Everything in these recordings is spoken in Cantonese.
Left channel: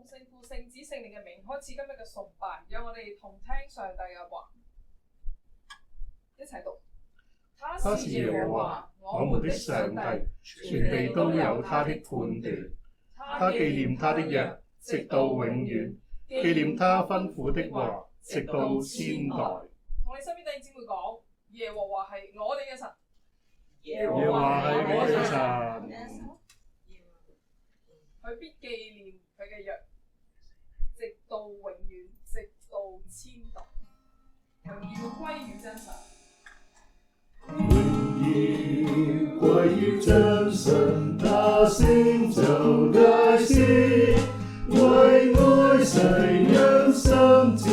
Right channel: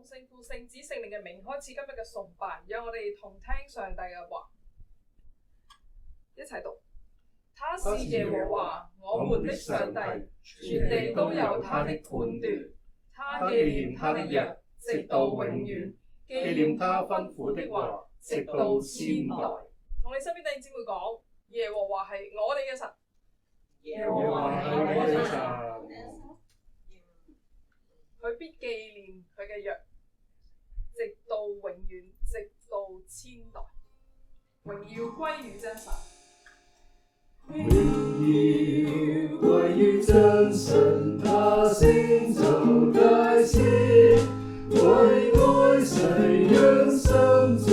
奉聖父、聖子、聖靈嘅名開始今日嘅崇拜，讓我哋同聽上帝嘅話，一齊讀。他是耶和華，我們的上帝，全地都有他的判斷。他紀念他的約，直到永遠；紀念他吩咐的話，直到千代。同你身邊弟兄姊妹講，耶和華係我哋嘅神。耶和華係我哋嘅神。佢必紀念佢嘅約，直到永遠，直到千代。榮耀歸於真神。榮耀歸於真神，他成就大事，為愛世人心志，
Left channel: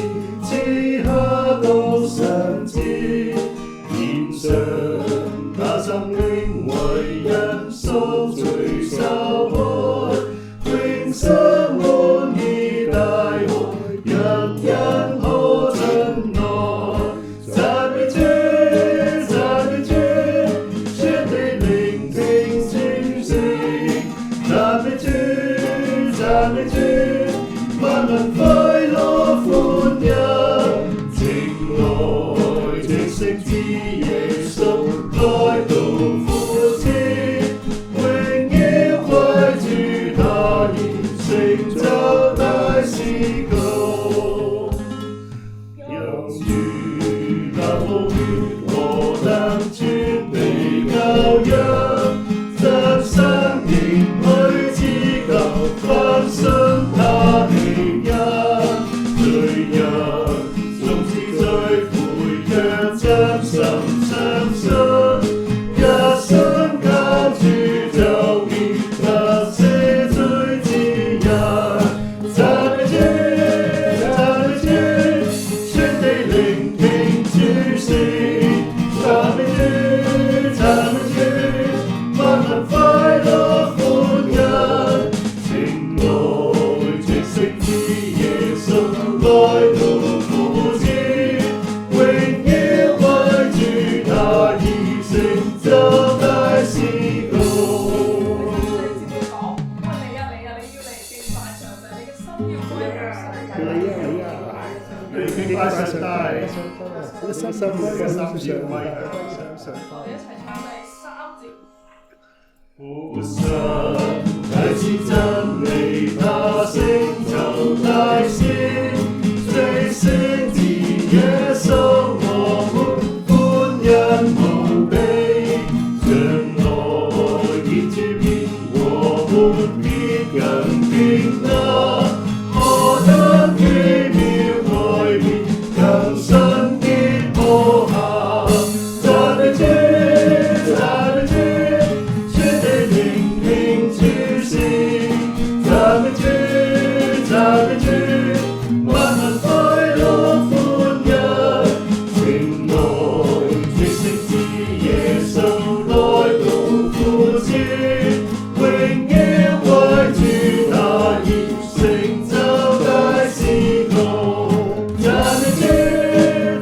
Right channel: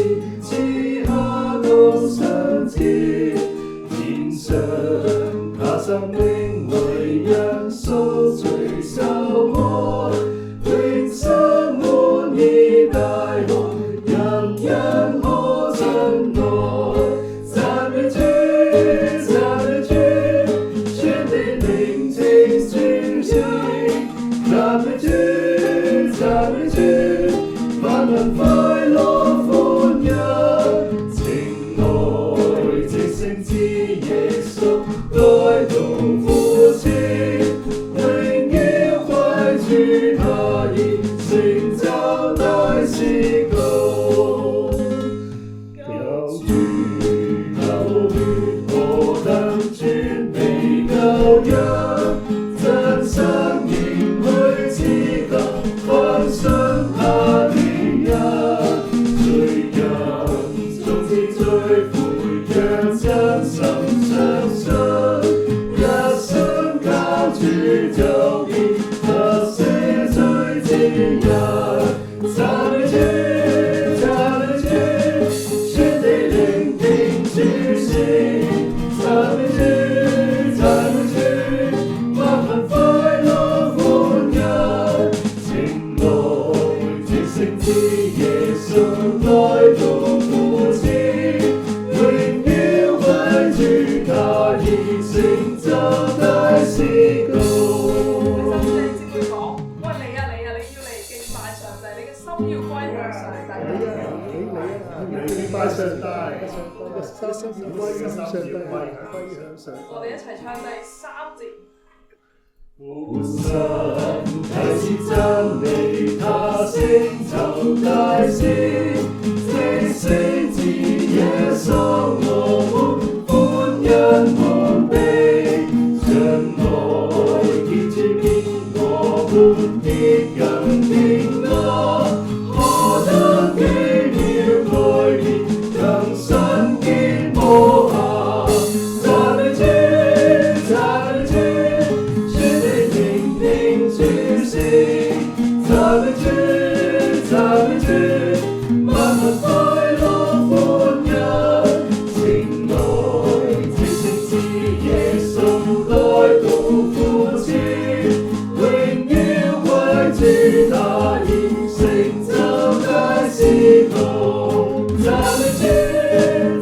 賜下獨生子，獻上他生命為人贖罪受害，永生滿意大愛，人人可親愛，讚美主，讚美主，全地聆聽主聲，讚美主，讚美主，萬民快樂歡欣，情愛直聖子耶穌來到父子，榮耀歸主，他已成就大事工，讓主他寶血何等全備羔羊，真生命去自救，翻身他的恩，罪人終至罪悔，讓真心相信，一生靠主就見那赦罪之恩，讚美主，讚美主，全地聆聽主聲，讚美主，讚美主，萬民快樂歡欣，情愛直聖子耶穌來到父子，榮耀歸主，他已成就大事工。弟兄姊妹講，喂你要嚟敬拜上帝，你嘅心要歸向上帝。你敬拜上帝，心要歸向上帝。我哋一齊唱第3節。父神啟示真理，他成就大事，藉聖子耶穌我們歡欣無比，將愛結主變我們必更平安，何等奇妙改變，更新潔無瑕，讚美主，讚美主，全地聆聽主聲，讚美主，讚美主，萬民快樂歡欣，情愛直聖子耶穌來到父子，榮耀歸主，他已成就大事工，讚美主，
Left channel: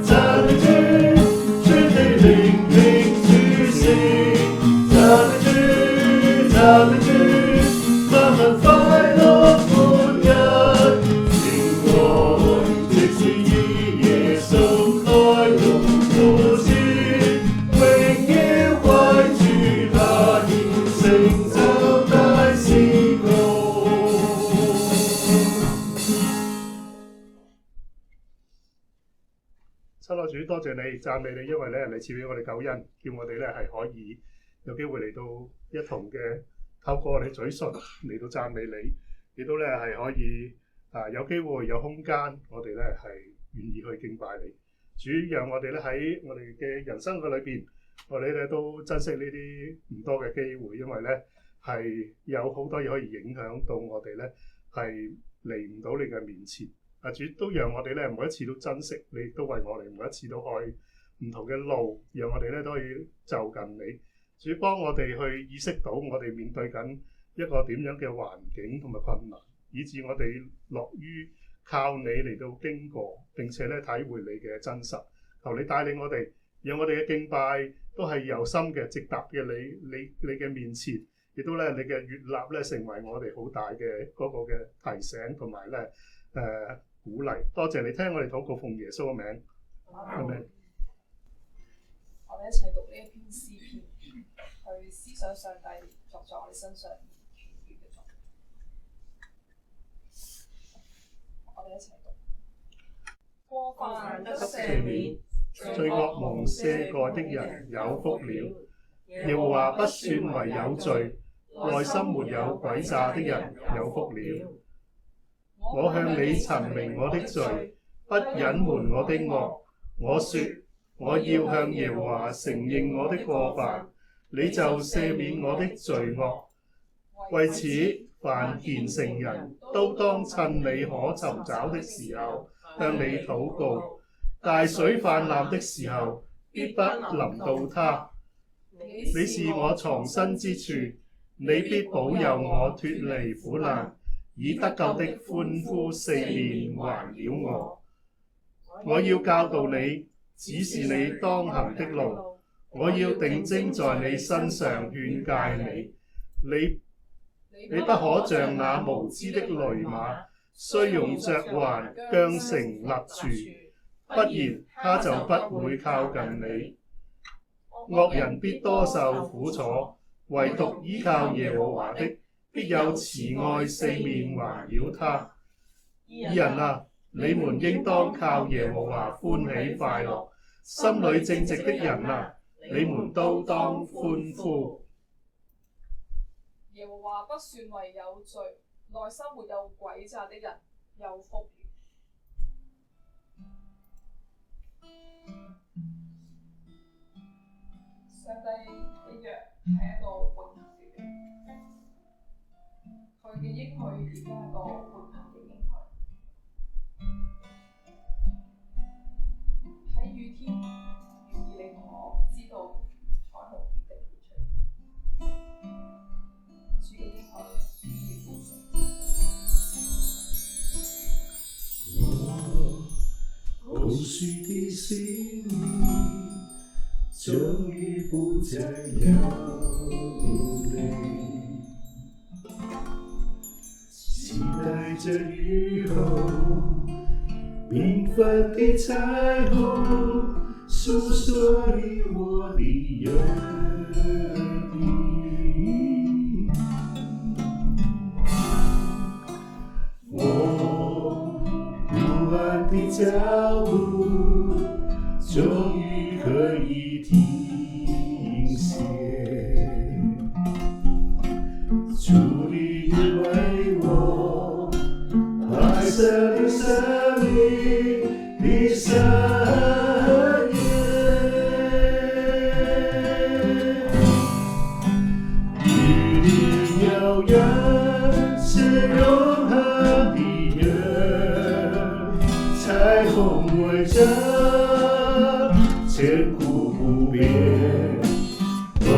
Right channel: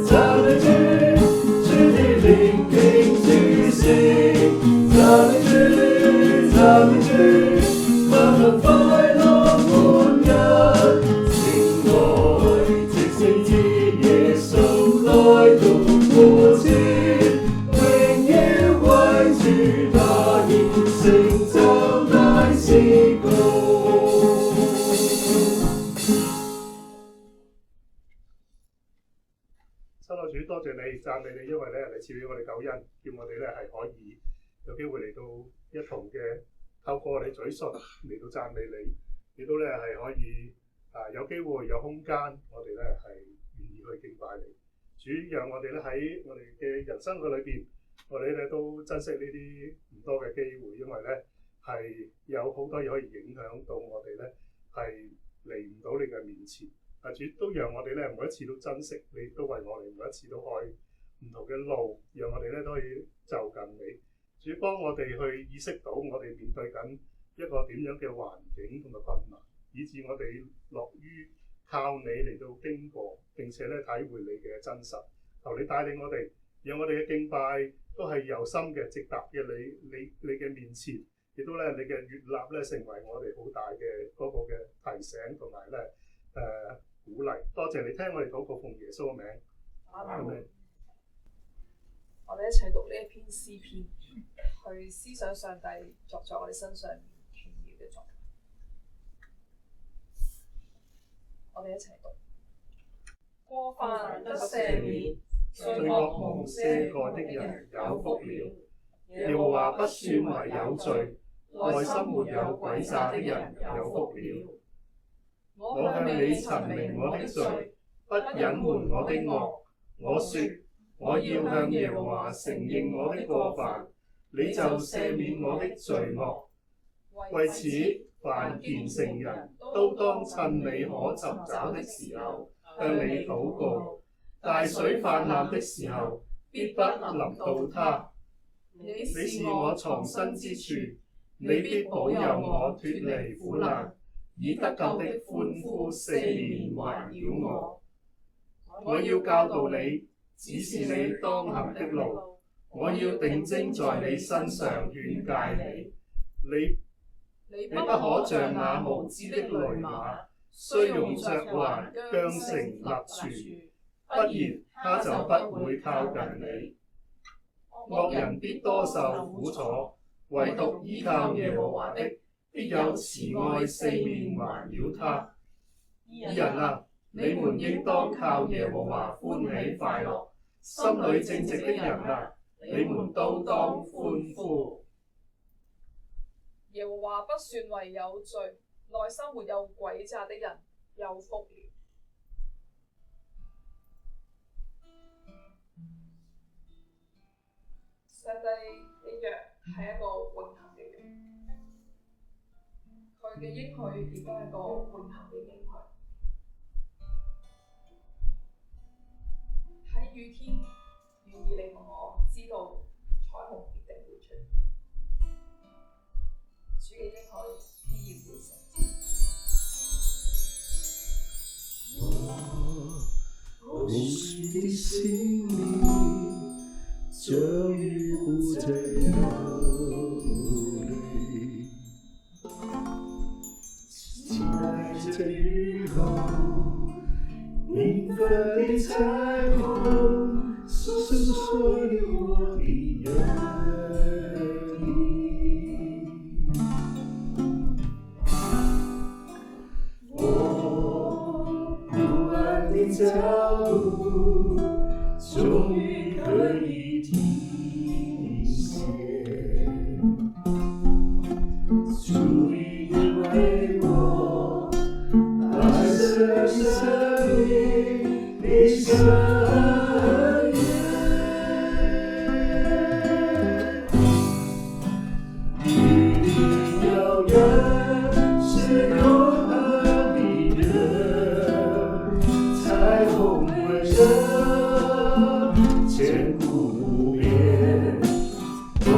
讚美主，全地聆聽主聲，讚美主，讚美主，萬民快樂歡欣，情愛直聖子耶穌來到父子，榮耀歸主，他已成就大事工。親愛主，多謝你，讚美你，因為咧你賜俾我哋救恩，叫我哋咧係可以有機會嚟到一同嘅透過我哋嘴唇嚟到讚美你，亦都咧係可以有機會有空間，我哋咧係願意去敬拜你。主讓我哋咧喺我哋嘅人生嘅裏邊，我哋咧都珍惜呢啲唔多嘅機會，因為咧係有好多嘢可以影響到我哋咧係嚟唔到你嘅面前。主都讓我哋咧每一次都珍惜你，都為我哋每一次都開唔同嘅路，讓我哋咧都可以就近你。主幫我哋去意識到我哋面對緊一個點樣嘅環境同埋困難，以致我哋樂於靠你嚟到經過，並且咧體會你嘅真實。求你帶領我哋，讓我哋嘅敬拜都係由心嘅直達嘅你嘅面前，亦都咧你嘅悅納咧成為我哋好大嘅嗰個嘅提醒同埋咧鼓勵。多謝你聽我哋禱告，奉耶穌嘅名，阿們。我哋一齊讀呢一篇詩篇，去思想上帝作在我哋身上奇妙嘅作為。我哋一齊讀。過犯得赦免，罪惡蒙赦過的人有福了。耶和華不算為有罪，內心沒有詭詐的人有福了。我向你陳明我的罪，不隱瞞我的惡。我說我要向耶和華承認我的過犯，你就赦免我的罪惡。為此，凡虔誠人都當趁你可尋找的時候向你禱告，大水泛濫的時候必不臨到他。你是我藏身之處，你必保佑我脫離苦難，以得救的歡呼四面環繞我。我要教導你，指示你當行的路，我要定睛在你身上勸誡你。你不可像那無知的騾馬，須用嚼環韁繩勒住，不然他就不會靠近你。惡人必多受苦楚，唯獨依靠耶和華的，必有慈愛四面環繞他。義人啊，你們應當靠耶和華歡喜快樂，心裏正直的人啊，你們都當歡呼。耶和華不算為有罪，內心沒有詭詐的人有福了。上帝嘅約係一個永恆嘅約，佢嘅應許亦都係一個永恆嘅應許。喺雨天，願意你同我知道彩虹必定會出。主嘅應許必然會成就。我空虛的心裡終於不再流淚，期待着雨後繽紛的彩虹，訴說你我的約定。我不安的腳步終於可以停歇，主你為我白色的生命的聖約，距離遙遠是永恆的約，彩虹圍着千古不變，我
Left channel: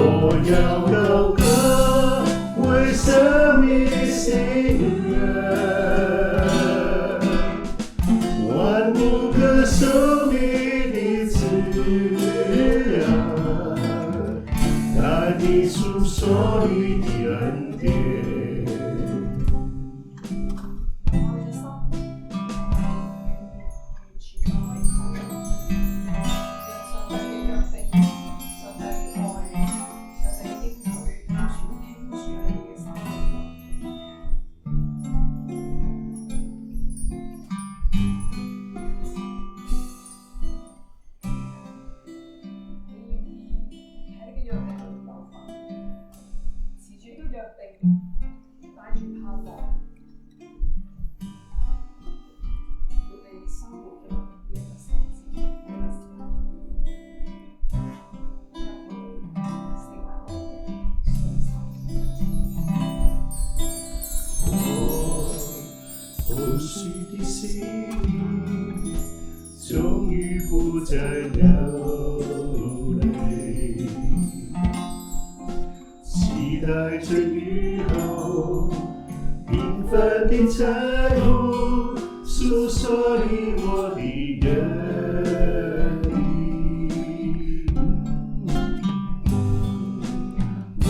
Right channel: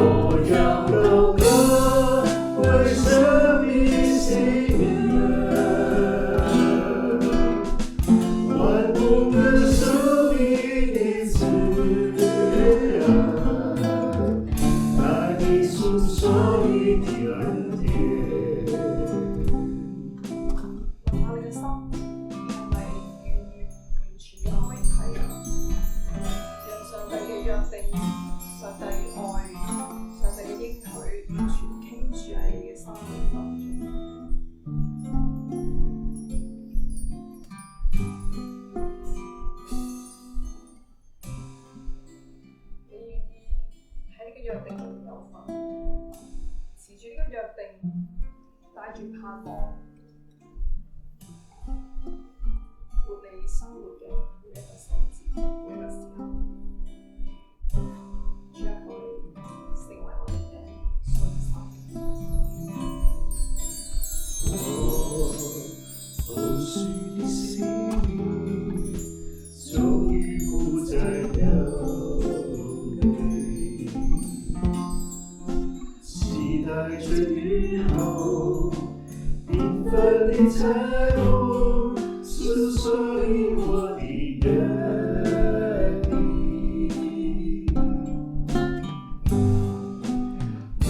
要高歌為生命喜樂，萬物歌頌你的慈愛，大地訴說你的恩典。我哋嘅心係咪完全咁樣睇？讓上帝嘅約定、上帝嘅愛、上帝嘅應許，完全傾注喺你嘅心裏頭。你願意喺呢個約定裏有份，持住呢個約定，帶住盼望，活你生活嘅每一個細節，每一個時刻，將佢成為我哋嘅信心。我空虛的心終於不再流淚，期待着雨後繽紛的彩虹，訴說你我的約定。我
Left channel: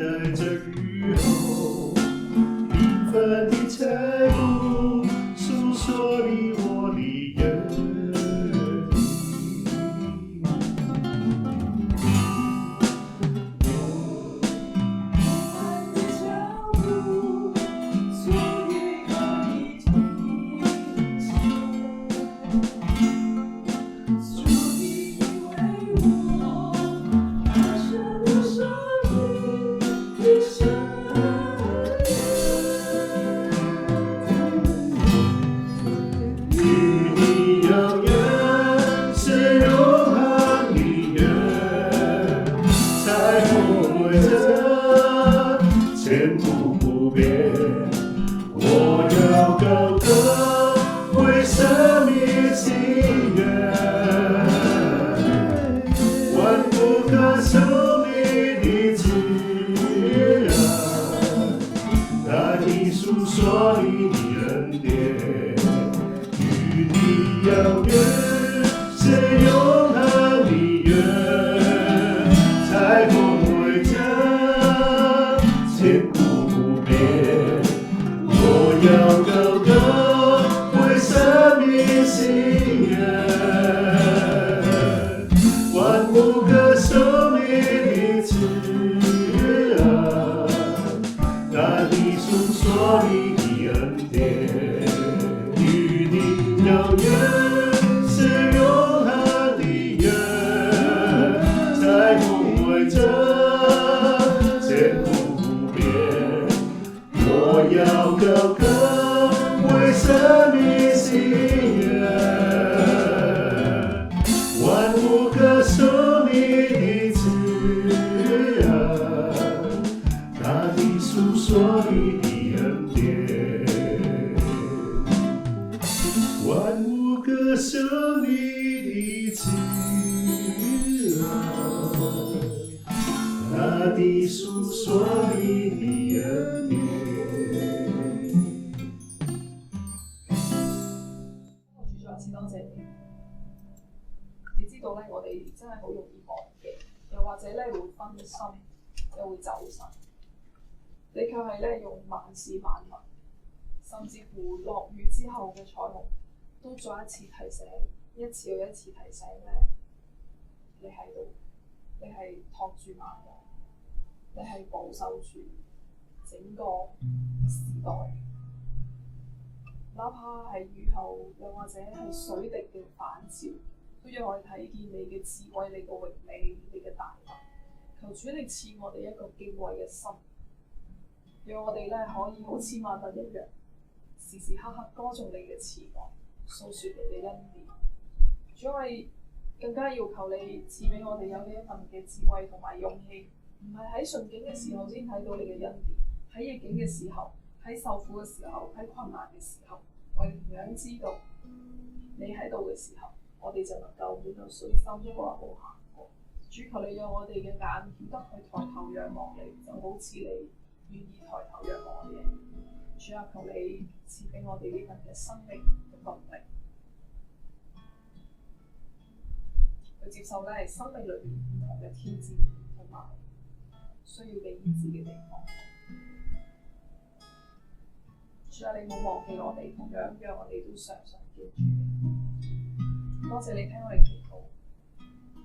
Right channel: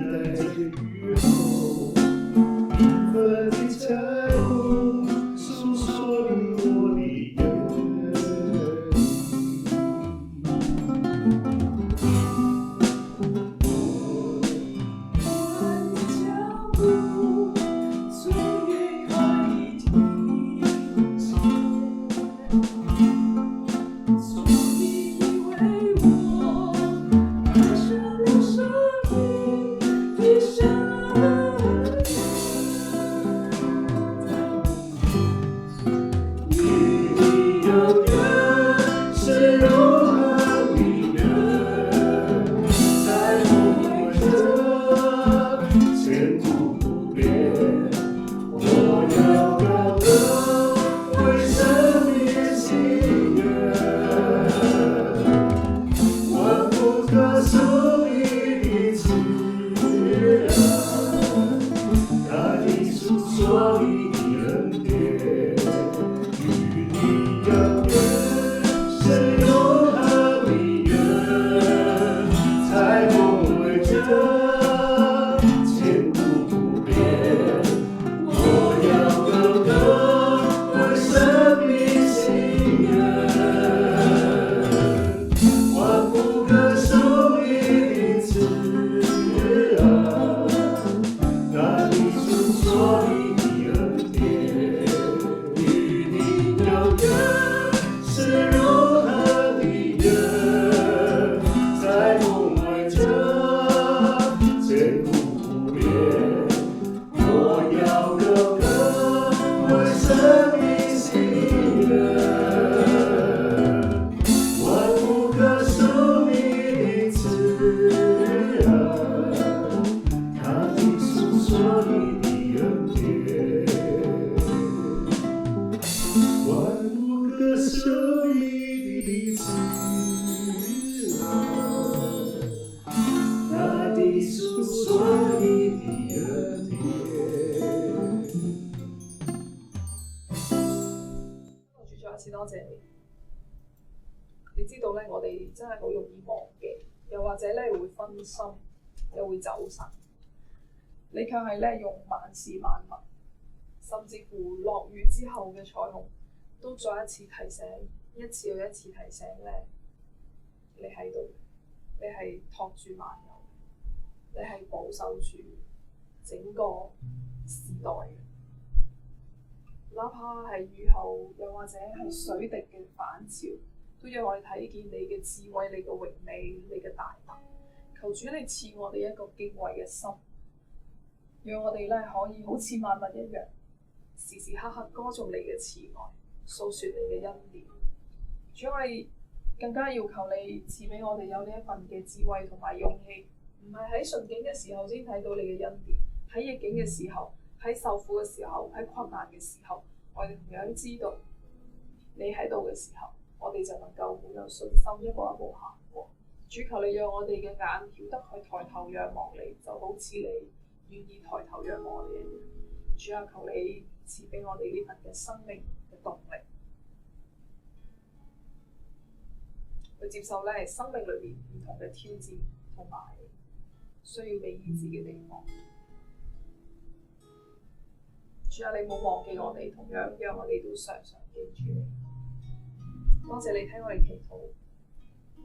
待着雨后缤纷的彩虹，诉说你我的约千古不变，我要高歌为生命祈愿，万不可收你的自然，但你诉说你的恩典，与你有约，是永恒的约，彩虹为证。千古不变，我要高歌为生命祈愿，万不可收你的自然，但你诉说你的恩典，与你有约，是永恒的约，彩虹为证，千古。我要高歌为生命祈愿，万不可收你的自然，大地诉说你的恩典，万不可收你的自然，大地诉说你的恩典。多謝你。你知道咧，我哋真係好容易忘記，又或者咧會分心，又會走神。你卻係咧用萬事萬物，甚至乎落雨之後嘅彩虹，都再一次提醒，一次又一次提醒咧，你喺度，你係托住萬有，你係保守住整個時代。哪怕係雨後，又或者係水滴嘅反照，都讓我哋睇見你嘅智慧、你嘅榮美、你嘅大能。求主你賜我哋一個敬畏嘅心，讓我哋咧可以好似萬物一樣，時時刻刻歌頌你嘅慈愛，訴説你嘅恩典。主，我哋更加要求你賜俾我哋有呢一份嘅智慧同埋勇氣，唔係喺順境嘅時候先睇到你嘅恩典，喺逆境嘅時候，喺受苦嘅時候，喺困難嘅時候，我哋同樣知道你喺度嘅時候，我哋就能夠滿有信心一步一步行過。主，求你讓我哋嘅眼曉得去抬頭仰望你，就好似你願意抬頭仰望我哋一樣。主啊，求你賜俾我哋呢份嘅生命嘅動力，去接受咧生命裏邊唔同嘅挑戰同埋需要被醫治嘅地方。主啊，你冇忘記我哋，同樣讓我哋都常常記住你。多謝你聽我哋祈禱，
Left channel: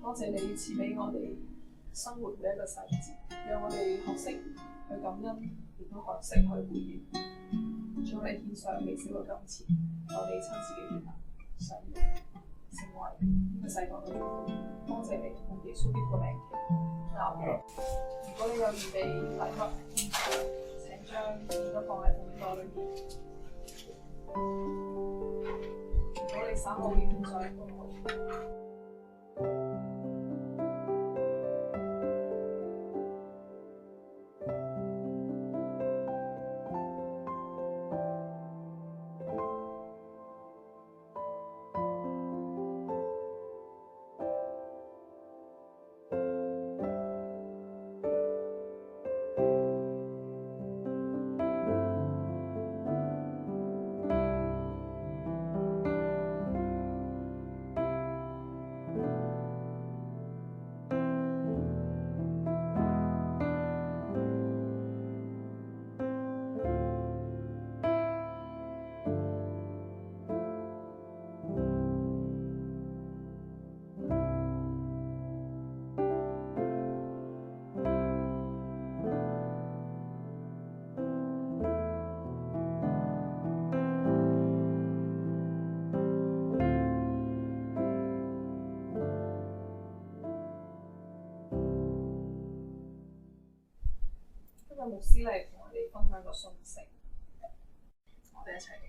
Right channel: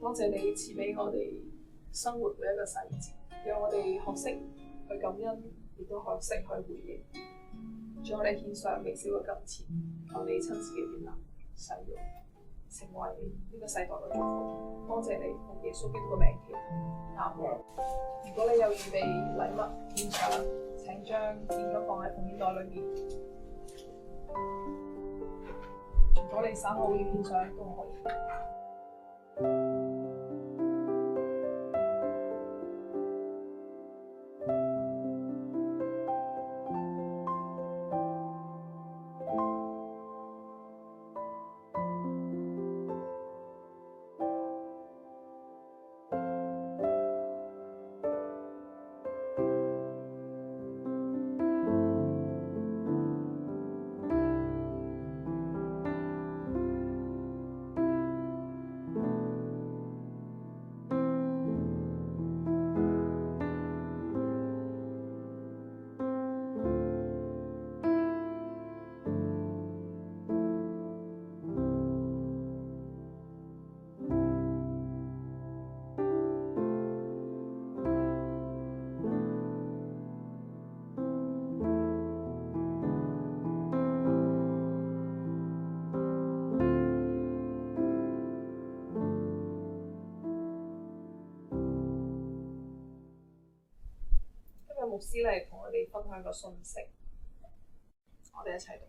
多謝你賜俾我哋生活每一個細節，讓我哋學識去感恩，亦都學識去回應。主，我哋獻上微小嘅金錢，求你親自嘅悅納使用，成為呢個世代嘅祝福。多謝你用耶穌基督嘅名祈禱。如果你有預備禮物獻上，請將現金放喺奉獻袋裏面。如果你稍後要獻上都可以。今日牧師嚟同我哋分享個信息，我哋一齊讀。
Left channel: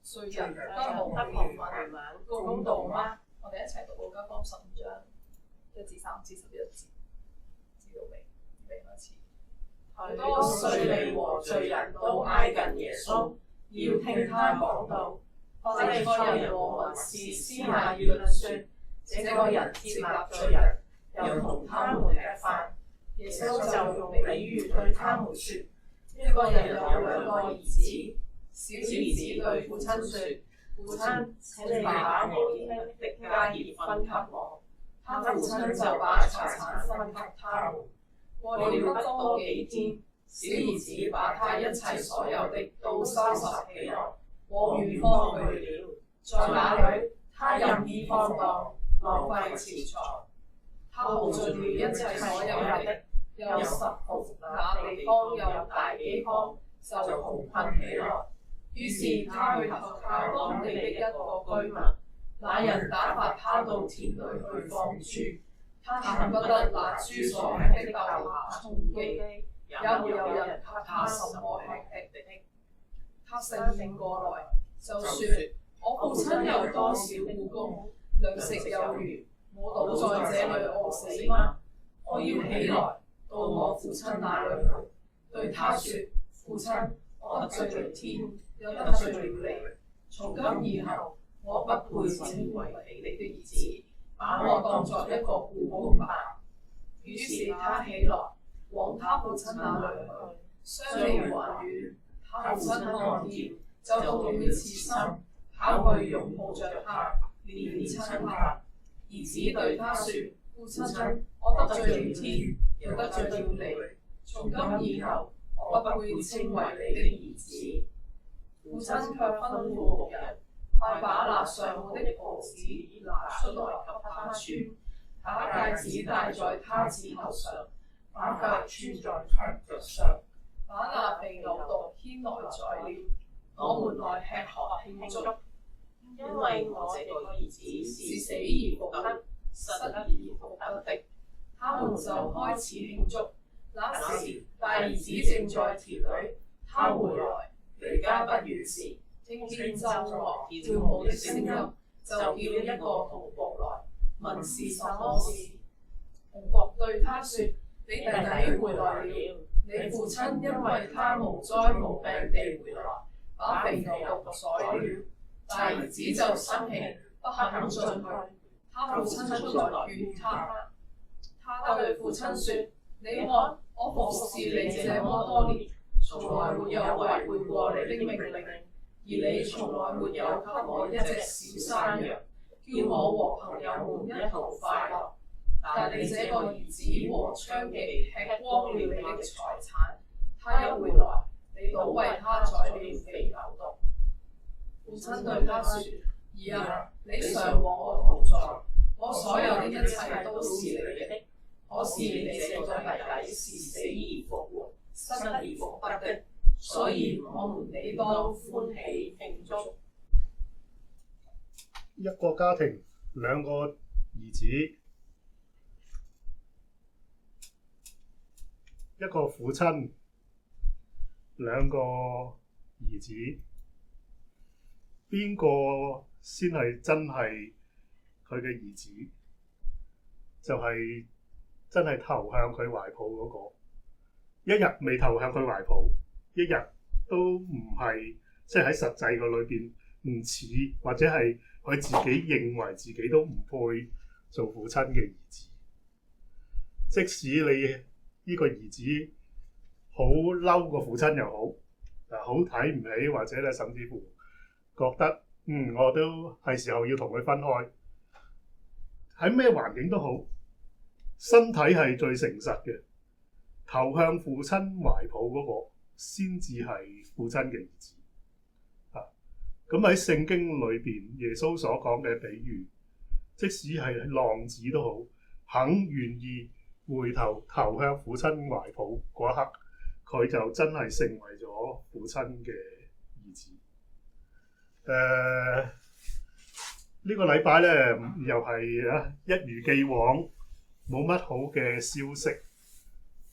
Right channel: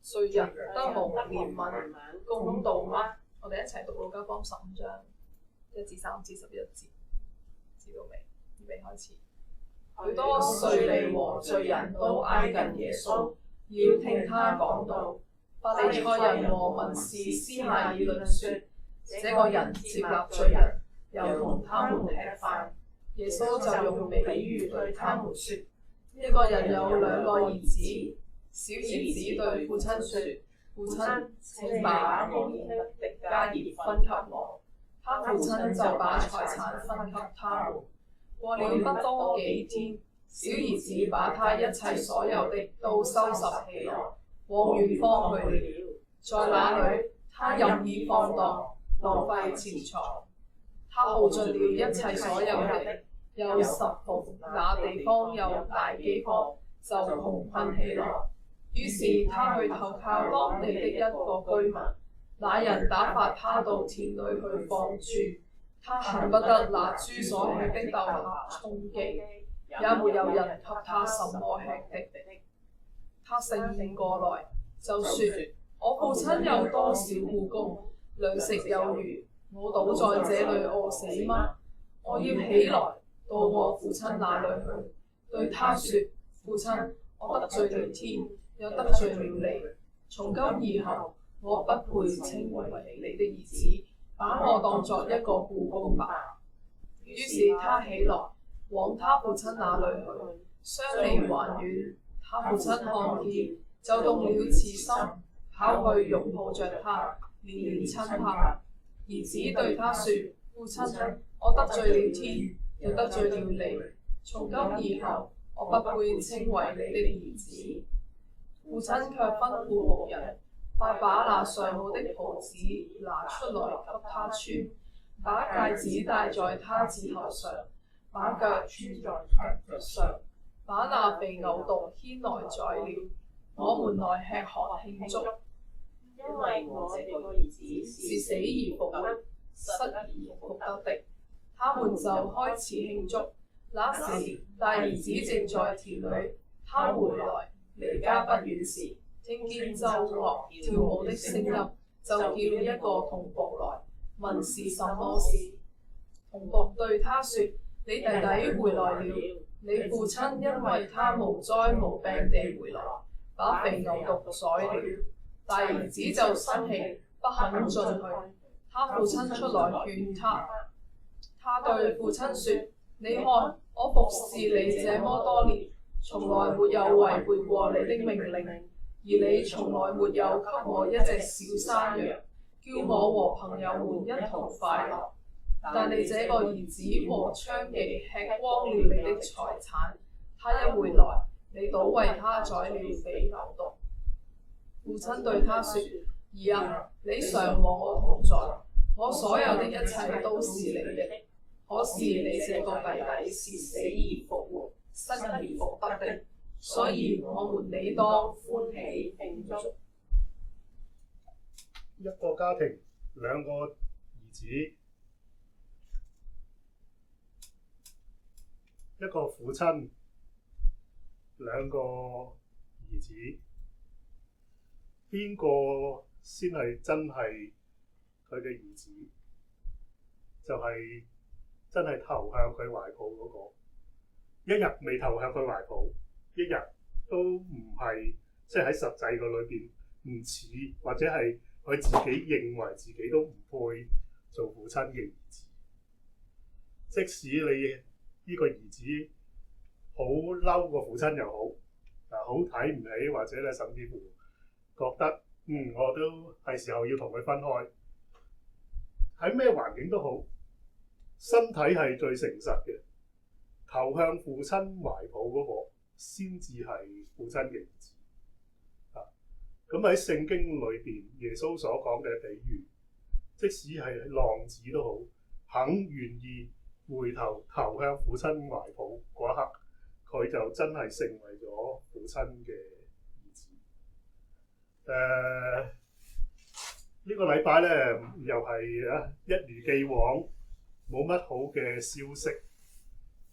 誰人得蒙憐憫公道嗎？我哋一齊讀路加福音15章1至3至11節，知道未？預備開始。許多稅吏和罪人都挨近耶穌，要聽他講道。法利賽人和文士私下議論說：這個人接納罪人，又同他們吃飯。耶穌就用比喻對他們說：一個人有2個兒子，小兒子對父親說：父親，請把屋裏的家業分給我。他父親就把財產分給他們。過了不多幾天，小兒子把他一切所有的都收拾起來，往遠方去了。在那裏，他任意放蕩，浪費錢財。他耗盡了一切所有的，又十伏那地方有大饑荒，就窮困起來。於是他去投靠當地的一個居民，那人打發他到田裏去放豬。他恨不得拿豬所吃的豆莢充飢，也沒有人給他什麼吃的。他醒醒過來，就說：我父親有多少僱工，糧食有餘，我倒在這裏餓死嗎？我要起來到我父親那裏去，對他說：父親，我得罪了天，又得罪了你。從今以後，我不配稱為你的兒子，把我當作一個僱工吧。於是他起來，往他父親那裏去。相離還遠，他父親看見，就動了慈心，跑去擁抱着他，連連親他。兒子對他說：父親，我得罪了天，又得罪了你。從今以後，我不配稱為你的兒子。父親卻吩咐僕人，快把那上好的袍子拿出來給他穿，把戒指戴在他指頭上，把腳穿在他腳上，把那肥牛犢牽來宰了，我們來吃喝慶祝。因為我這個兒子是死而復得，失而復得的。他們就開始慶祝。那時大兒子正在田裏，他回來，離家不遠時，聽見奏樂跳舞的聲音，就叫一個童僕來，問是什麼事。童僕對他說：你弟弟回來了，你父親因為他無災無病地回來，把肥牛犢宰了。大兒子就生氣，不肯進去。他父親出來勸他，他對父親說：你看，我服侍你這麼多年，從來沒有違背過你的命令，而你從來沒有給我一隻小山羊，叫我和朋友們一同快樂。但你這個兒子和娼妓吃光了你的財產，他一回來，你倒為他宰了肥牛犢。父親對他說：兒啊，你常和我同在，我所有的一切都是你的。可是你這個弟弟是死而復活，失而復得的，所以我們理當歡喜慶祝。一個家庭2個兒子，一個父親2個兒子，邊個先係真係佢嘅兒子？就係真係投向佢懷抱嗰個。一日未投向佢懷抱，一日都唔係，即係喺實際個裏邊唔似，或者係佢自己認為自己都唔配做父親嘅兒子。即使你呢個兒子好嬲個父親又好，好睇唔起，或者咧甚至乎覺得我都係時候要同佢分開。喺咩環境都好，身體係最誠實嘅，投向父親懷抱嗰個先至係父親嘅兒子。咁喺聖經裏邊，耶穌所講嘅比喻，即使係浪子都好，肯願意回頭投向父親懷抱嗰一刻，佢就真係成為咗父親嘅兒子。呢個禮拜咧又係一如既往冇乜好嘅消息，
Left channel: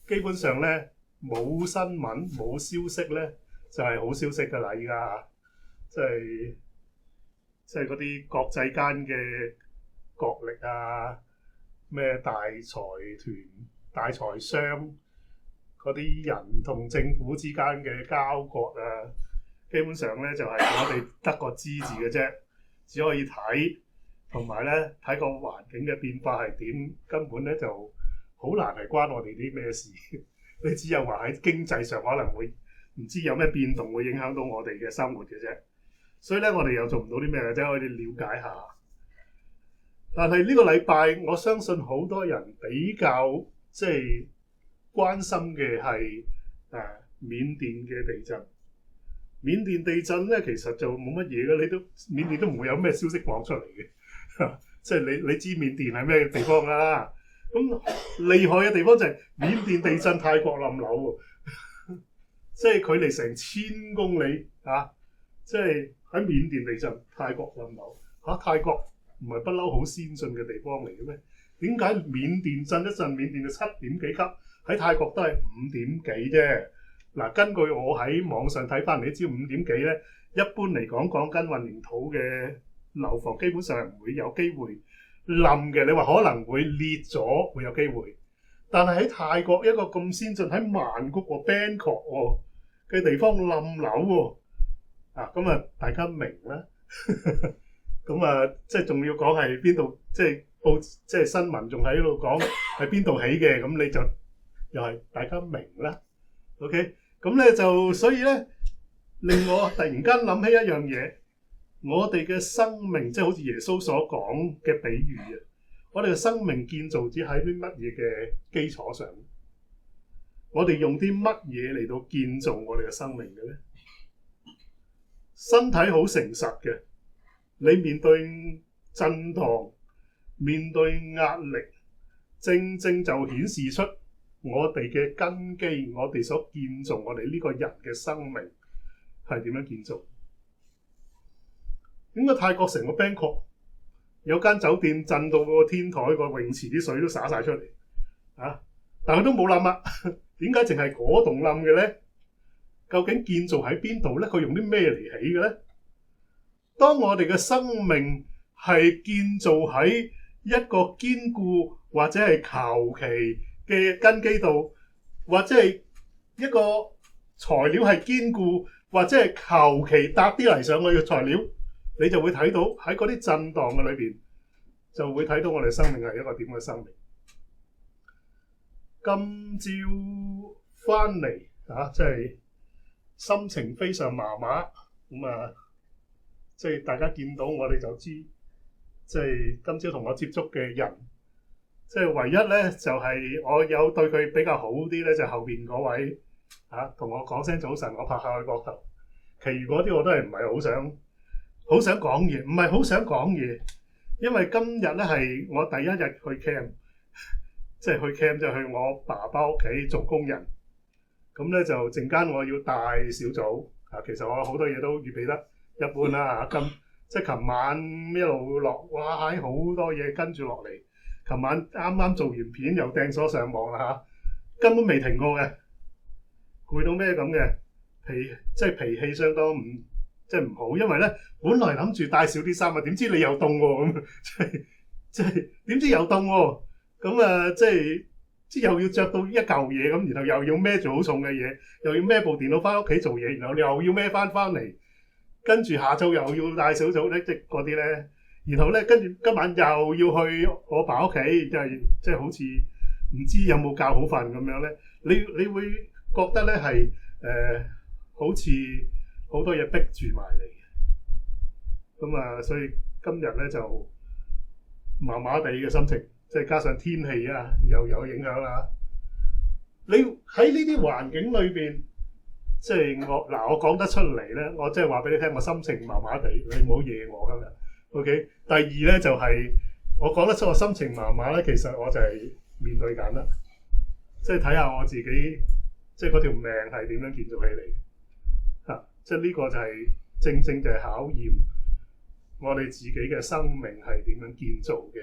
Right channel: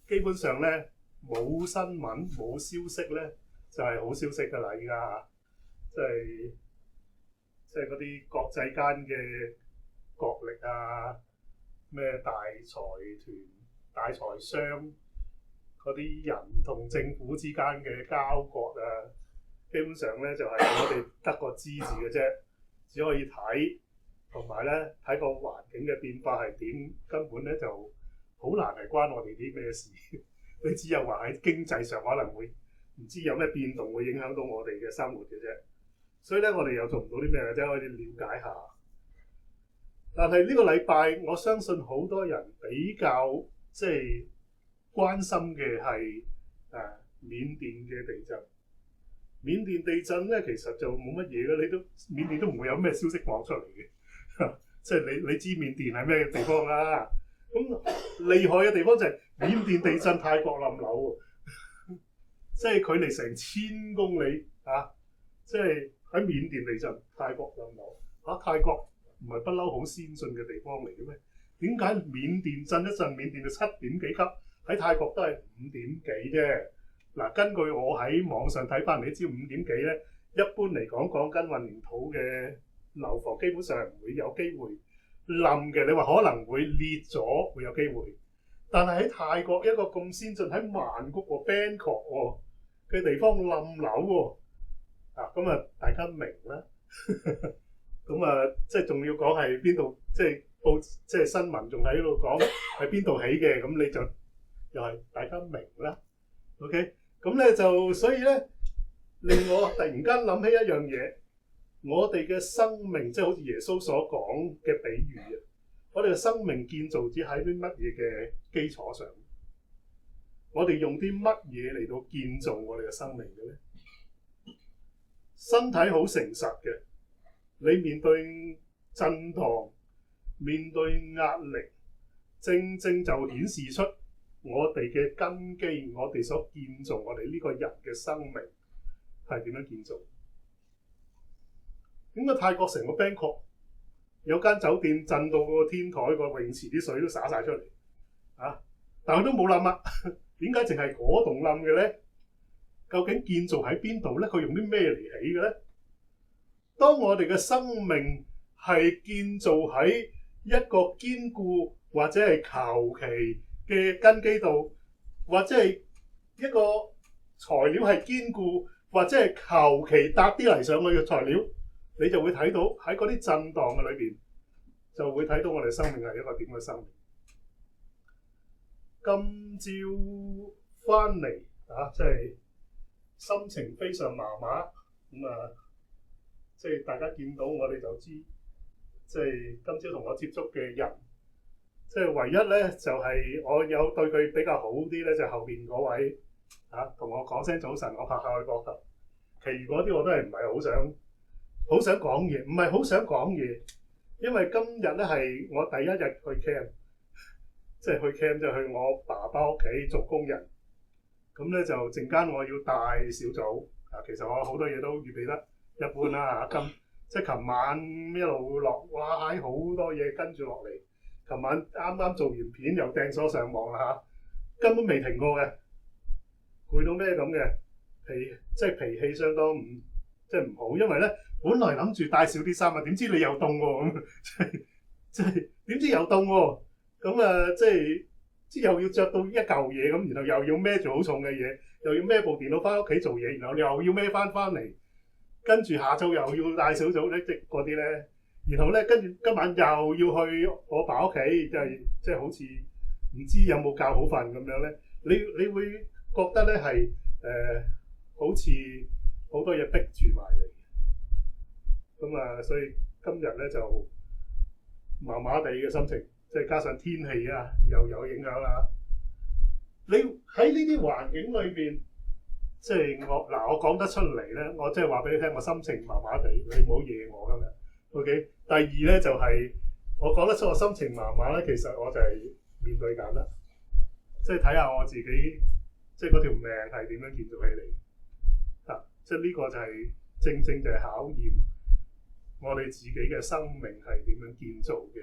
基本上咧冇新聞冇消息咧，就係好消息㗎啦！依家即係嗰啲國際間嘅角力啊，咩大財團、大財商嗰啲人同政府之間嘅交割啊，基本上咧就係我哋得個知字嘅啫，只可以睇，同埋咧睇個環境嘅變化係點，根本咧就好難係關我哋啲咩事。你只有話喺經濟上可能會唔知有咩變動會影響到我哋嘅生活嘅啫。所以咧，我哋又做唔到啲咩嘅啫，可以了解下。但係呢個禮拜，我相信好多人比較即係關心嘅係緬甸嘅地震。緬甸地震咧，其實就冇乜嘢嘅，緬甸都唔會有咩消息講出嚟嘅。即係你知緬甸係咩地方啊？咁厲害嘅地方就係緬甸地震，泰國冧樓喎，即係距離成1000公里啊！即係喺緬甸地震，泰國冧樓嚇，泰國唔係不嬲好先進嘅地方嚟嘅咩？點解緬甸震一震，緬甸就7點幾級，喺泰國都係5點幾啫？嗱，根據我喺網上睇翻嚟，你知5點幾咧，一般嚟講緊混凝土嘅樓房基本上係唔會有機會冧嘅。你話可能會裂咗，會有機會，但係喺泰國一個咁先進喺曼谷喎、Bangkok 嘅地方冧樓喎。咁啊，大家明啦。咁啊，即係仲要講係邊度，即係新聞仲喺度講係邊度起嘅，咁你就又係大家明啦。OK， 咁咧就所以咧令我突然間諗起一樣嘢，我哋嘅生命即係好似耶穌所講嘅比喻啊，我哋嘅生命建造只喺啲乜嘢嘅基礎上？我哋用啲乜嘢嚟到建造我哋嘅生命嘅咧？身體好誠實嘅，你面對震盪、面對壓力，正正就顯示出我哋嘅根基，我哋所建造我哋呢個人嘅生命係點樣建造？點解泰國成個 Bangkok 有間酒店震到個天台個泳池啲水都灑晒出嚟啊？但係都冇冧啊？點解淨係嗰棟冧嘅咧？究竟建造喺邊度咧？佢用啲咩嚟起嘅咧？當我哋嘅生命係建造喺一個堅固或者係求其嘅根基度，或者係一個材料係堅固，或者係求其搭啲嚟上去嘅材料，你就會睇到喺嗰啲震盪嘅裏邊，就會睇到我哋生命係一個點嘅生命。今朝翻嚟即係心情非常麻麻咁啊！即係大家見到我哋就知，即係今朝同我接觸嘅人，即係唯一咧就係我有對佢比較好啲咧，就後邊嗰位同我講聲早晨，我拍下佢膊頭。其餘嗰啲我都係唔係好想講嘢，唔係好想講嘢，因為今日咧係我第一日去 camp， 即係去 camp 就去我爸爸屋企做工人。咁咧就陣間我要帶小組其實我好多嘢都預備得一般啦即係琴晚一路落，哇！好多嘢跟住落嚟。琴晚啱啱做完片又掟咗上網啦根本未停過嘅，攰到咩咁嘅，脾氣相當唔好，因為咧本來諗住帶少啲衫啊，點知你又凍喎咁，即係點知又凍喎，咁即係又要着到一嚿嘢咁，然後又要孭住好重嘅嘢，又要孭部電腦翻屋企做嘢，然後又要孭翻嚟，跟住下晝又要帶小組咧，即係嗰啲咧，然後咧跟住今晚又要去我爸屋企，即係好似唔知有冇覺好瞓咁樣咧，你會覺得咧係好似好多嘢逼住埋嚟嘅，咁啊，所以今日咧就麻麻地嘅心情。即係加上天氣又有影響啦。你喺呢啲環境裏邊，即係我講得出嚟咧，我即係話俾你聽，我心情麻麻地，你唔好惹我今日。OK。第二咧就係我講得出我心情麻麻咧，其實我就係面對緊啦，即係睇下我自己，即係嗰條命係點樣建造起嚟即係呢個就係正正就係考驗我哋自己嘅生命係點樣建造嘅。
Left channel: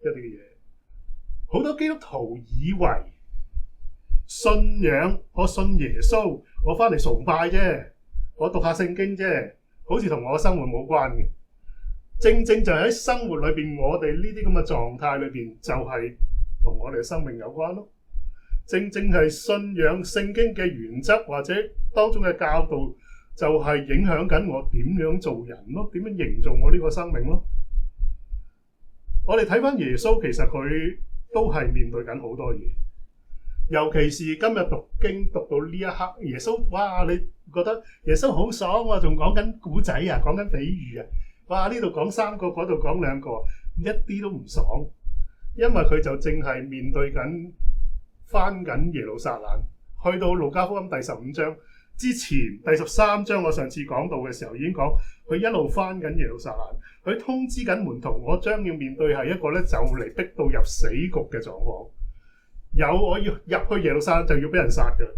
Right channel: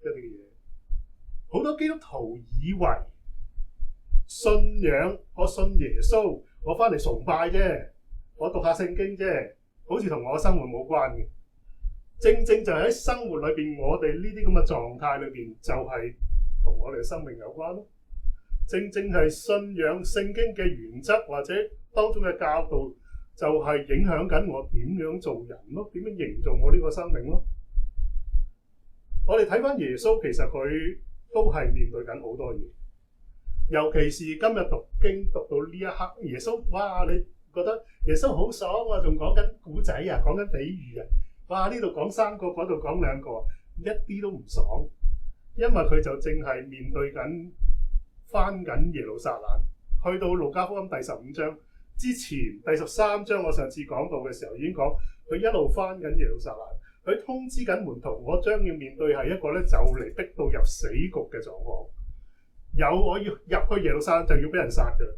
一啲嘅嘢，好多基督徒以為信仰，我信耶穌，我翻嚟崇拜啫，我讀下聖經啫，好似同我嘅生活冇關嘅。正正就喺生活裏邊，我哋呢啲咁嘅狀態裏邊，就係同我哋嘅生命有關咯。正正係信仰聖經嘅原則或者當中嘅教導，就係影響緊我點樣做人咯，點樣營造我呢個生命咯。我哋睇翻耶穌，其實佢都係面對緊好多嘢，尤其是今日讀經讀到呢一刻，耶穌哇！你覺得耶穌好爽啊，仲講緊古仔啊，講緊比喻啊，哇！呢度講3個，嗰度講2個，一啲都唔爽，因為佢就正係面對緊翻緊耶路撒冷，去到路加福音第15章之前，第13章我上次講到嘅時候已經講，佢一路翻緊耶路撒冷，佢通知緊門徒，我將要面對係一個咧就嚟逼到入死局嘅狀況，我要入去耶路撒冷就要俾人殺嘅，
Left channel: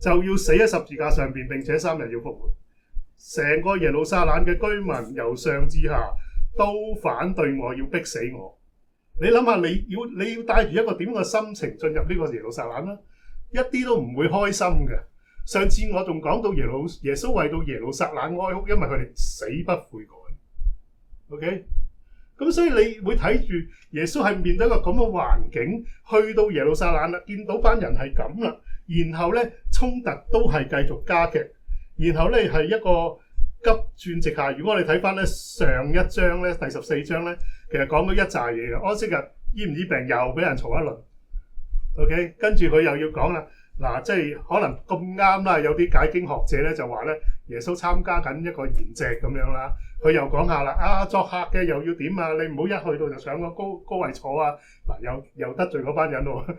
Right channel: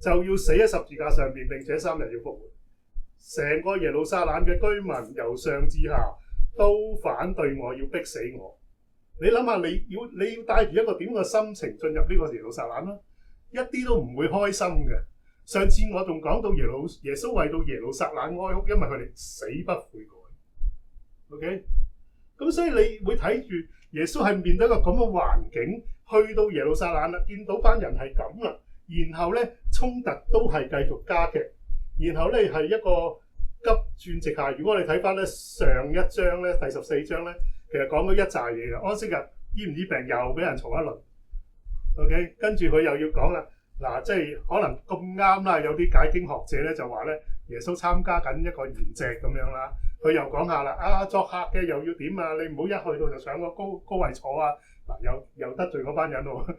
就要死喺十字架上邊，並且3日要復活。成個耶路撒冷嘅居民由上至下都反對我，要逼死我。你諗下，你要帶住一個點嘅心情進入呢個耶路撒冷啦，一啲都唔會開心嘅。上次我仲講到耶穌為到耶路撒冷哀哭，因為佢哋死不悔改。OK， 咁所以你會睇住耶穌係面對一個咁嘅環境，去到耶路撒冷啦，見到班人係咁啦，然後咧衝突都係繼續加劇，然後咧係一個急轉直下。如果我哋睇翻咧上一章咧第14章咧，其實講咗一紮嘢嘅。安息日醫唔醫病又俾人嘈一輪。OK， 跟住佢又要講啦，嗱，即係可能咁啱啦，有啲解經學者咧就話咧，耶穌參加緊一個筵席咁樣啦，佢又講下啦，作客嘅又要點啊？你唔好一去到就搶個高位坐啊！嗱，又得罪嗰班人喎，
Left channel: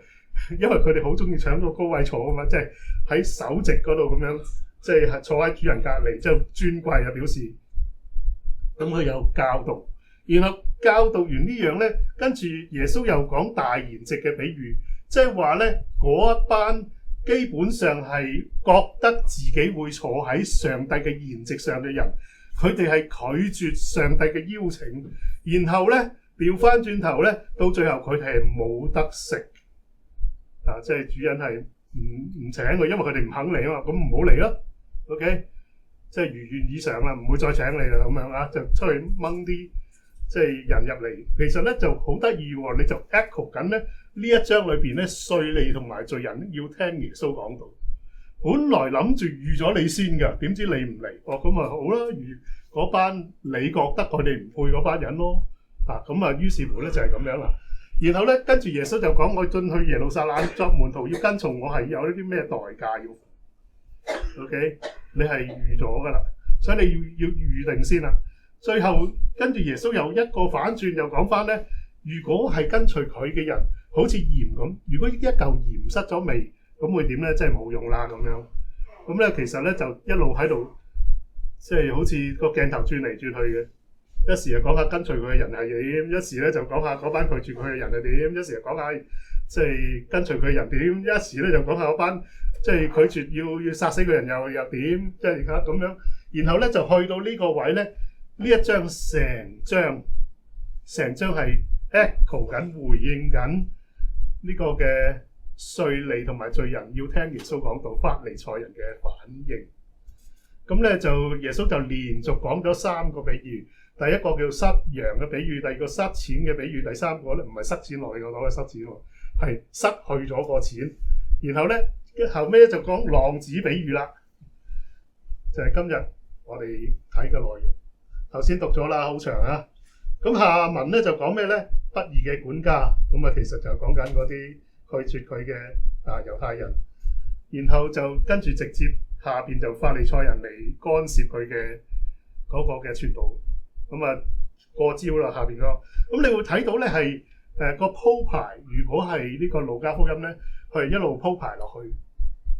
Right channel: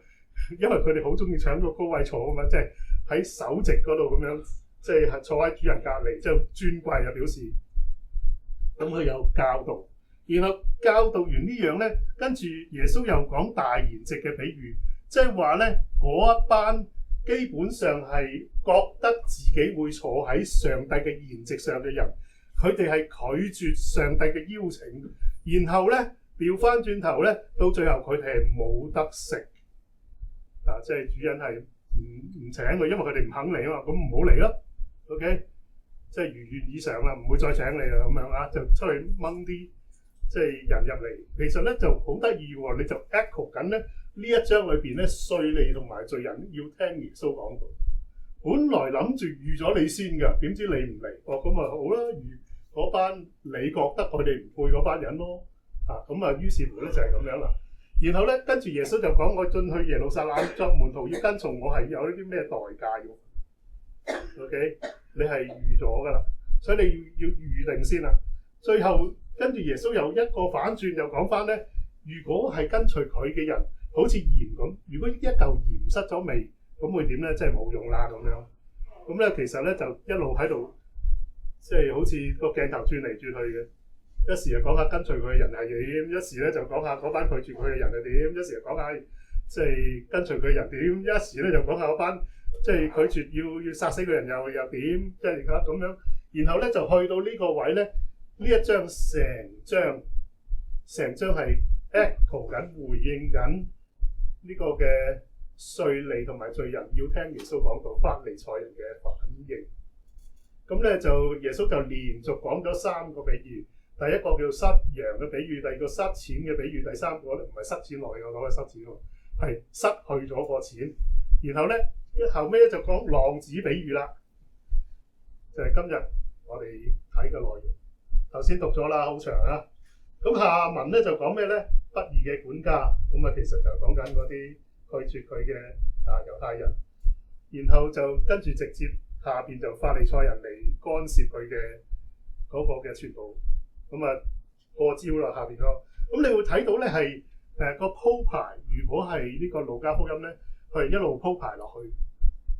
因為佢哋好中意搶個高位坐啊嘛，即係喺首席嗰度咁樣，即係坐喺主人隔離，即係尊貴啊表示。咁佢有教導，然後教導完呢樣咧，跟住耶穌又講大筵席嘅比喻，即係話咧嗰一班基本上係覺得自己會坐喺上帝嘅筵席上嘅人，佢哋係拒絕上帝嘅邀請，然後咧調翻轉頭咧，到最後佢哋係冇得食啊！即係主人係唔請佢，因為佢哋唔肯嚟啊嘛，咁唔好嚟咯。OK， 即係如願以償啦，唔會再請你啦咁樣啊，就出去掹啲即係人入嚟。其實咧就好得意喎，你就 echo 緊咧。呢一章裏邊咧，稅吏同埋罪人要聽耶穌講道。本來諗住預咗你先㗎，點知你唔嚟？咁咪好啦，預嗰班你覺得佢哋唔配嗰班人咯。咁啊，於是乎咧就係咁樣啦。然後咧，跟住耶穌就講：我進去耶路撒冷作門徒，要跟從我係有呢啲咩代價要 ？OK， 你係預咗㗎啦，所以你要預定先啦。最後跟住耶穌又一個反轉，又講翻咧，如果係跟隨佢嘅人，好似鹽咁，如果一嚿鹽失咗味，咁會點咧？即係冇用啦咁樣。咁咧其實咧就一路喺度，即係好似個鏡頭轉嚟轉去嘅。一時就講下跟隨佢嘅人係點，一時咧就講下嗰班拒絕佢嘅人係點，一時就講下即係跟隨佢嘅人點，一時咧就講下嗰班即係拒絕要殺死佢嘅人又點，即係而家咁樣。然後咧就去到呢個位咧，呢一章成章係 echo 緊回應緊。呢個嘅稅吏同埋罪人要聽耶穌講道，法利賽人嘅反應。咁咧就耶穌就連續講咗3個比喻，第一個叫失羊嘅比喻，第二個失錢嘅比喻，第三個咧唔係失錢落嚟我講嘅失錢喎，係失去咗個錢。然後咧後尾咧就講浪子比喻啦，就係今日我哋睇嘅內容。頭先讀咗啦，好長啊。咁下文咧就講咩咧？不義嘅管家，咁啊其實就講緊嗰啲拒絕佢嘅猶太人，然後就跟住直接下邊就法利賽人嚟干涉佢嘅嗰個嘅傳道，咁啊過招啦下邊咯。咁你會睇到咧係個鋪排，如果係呢個路加福音咧，佢係一路鋪排落去，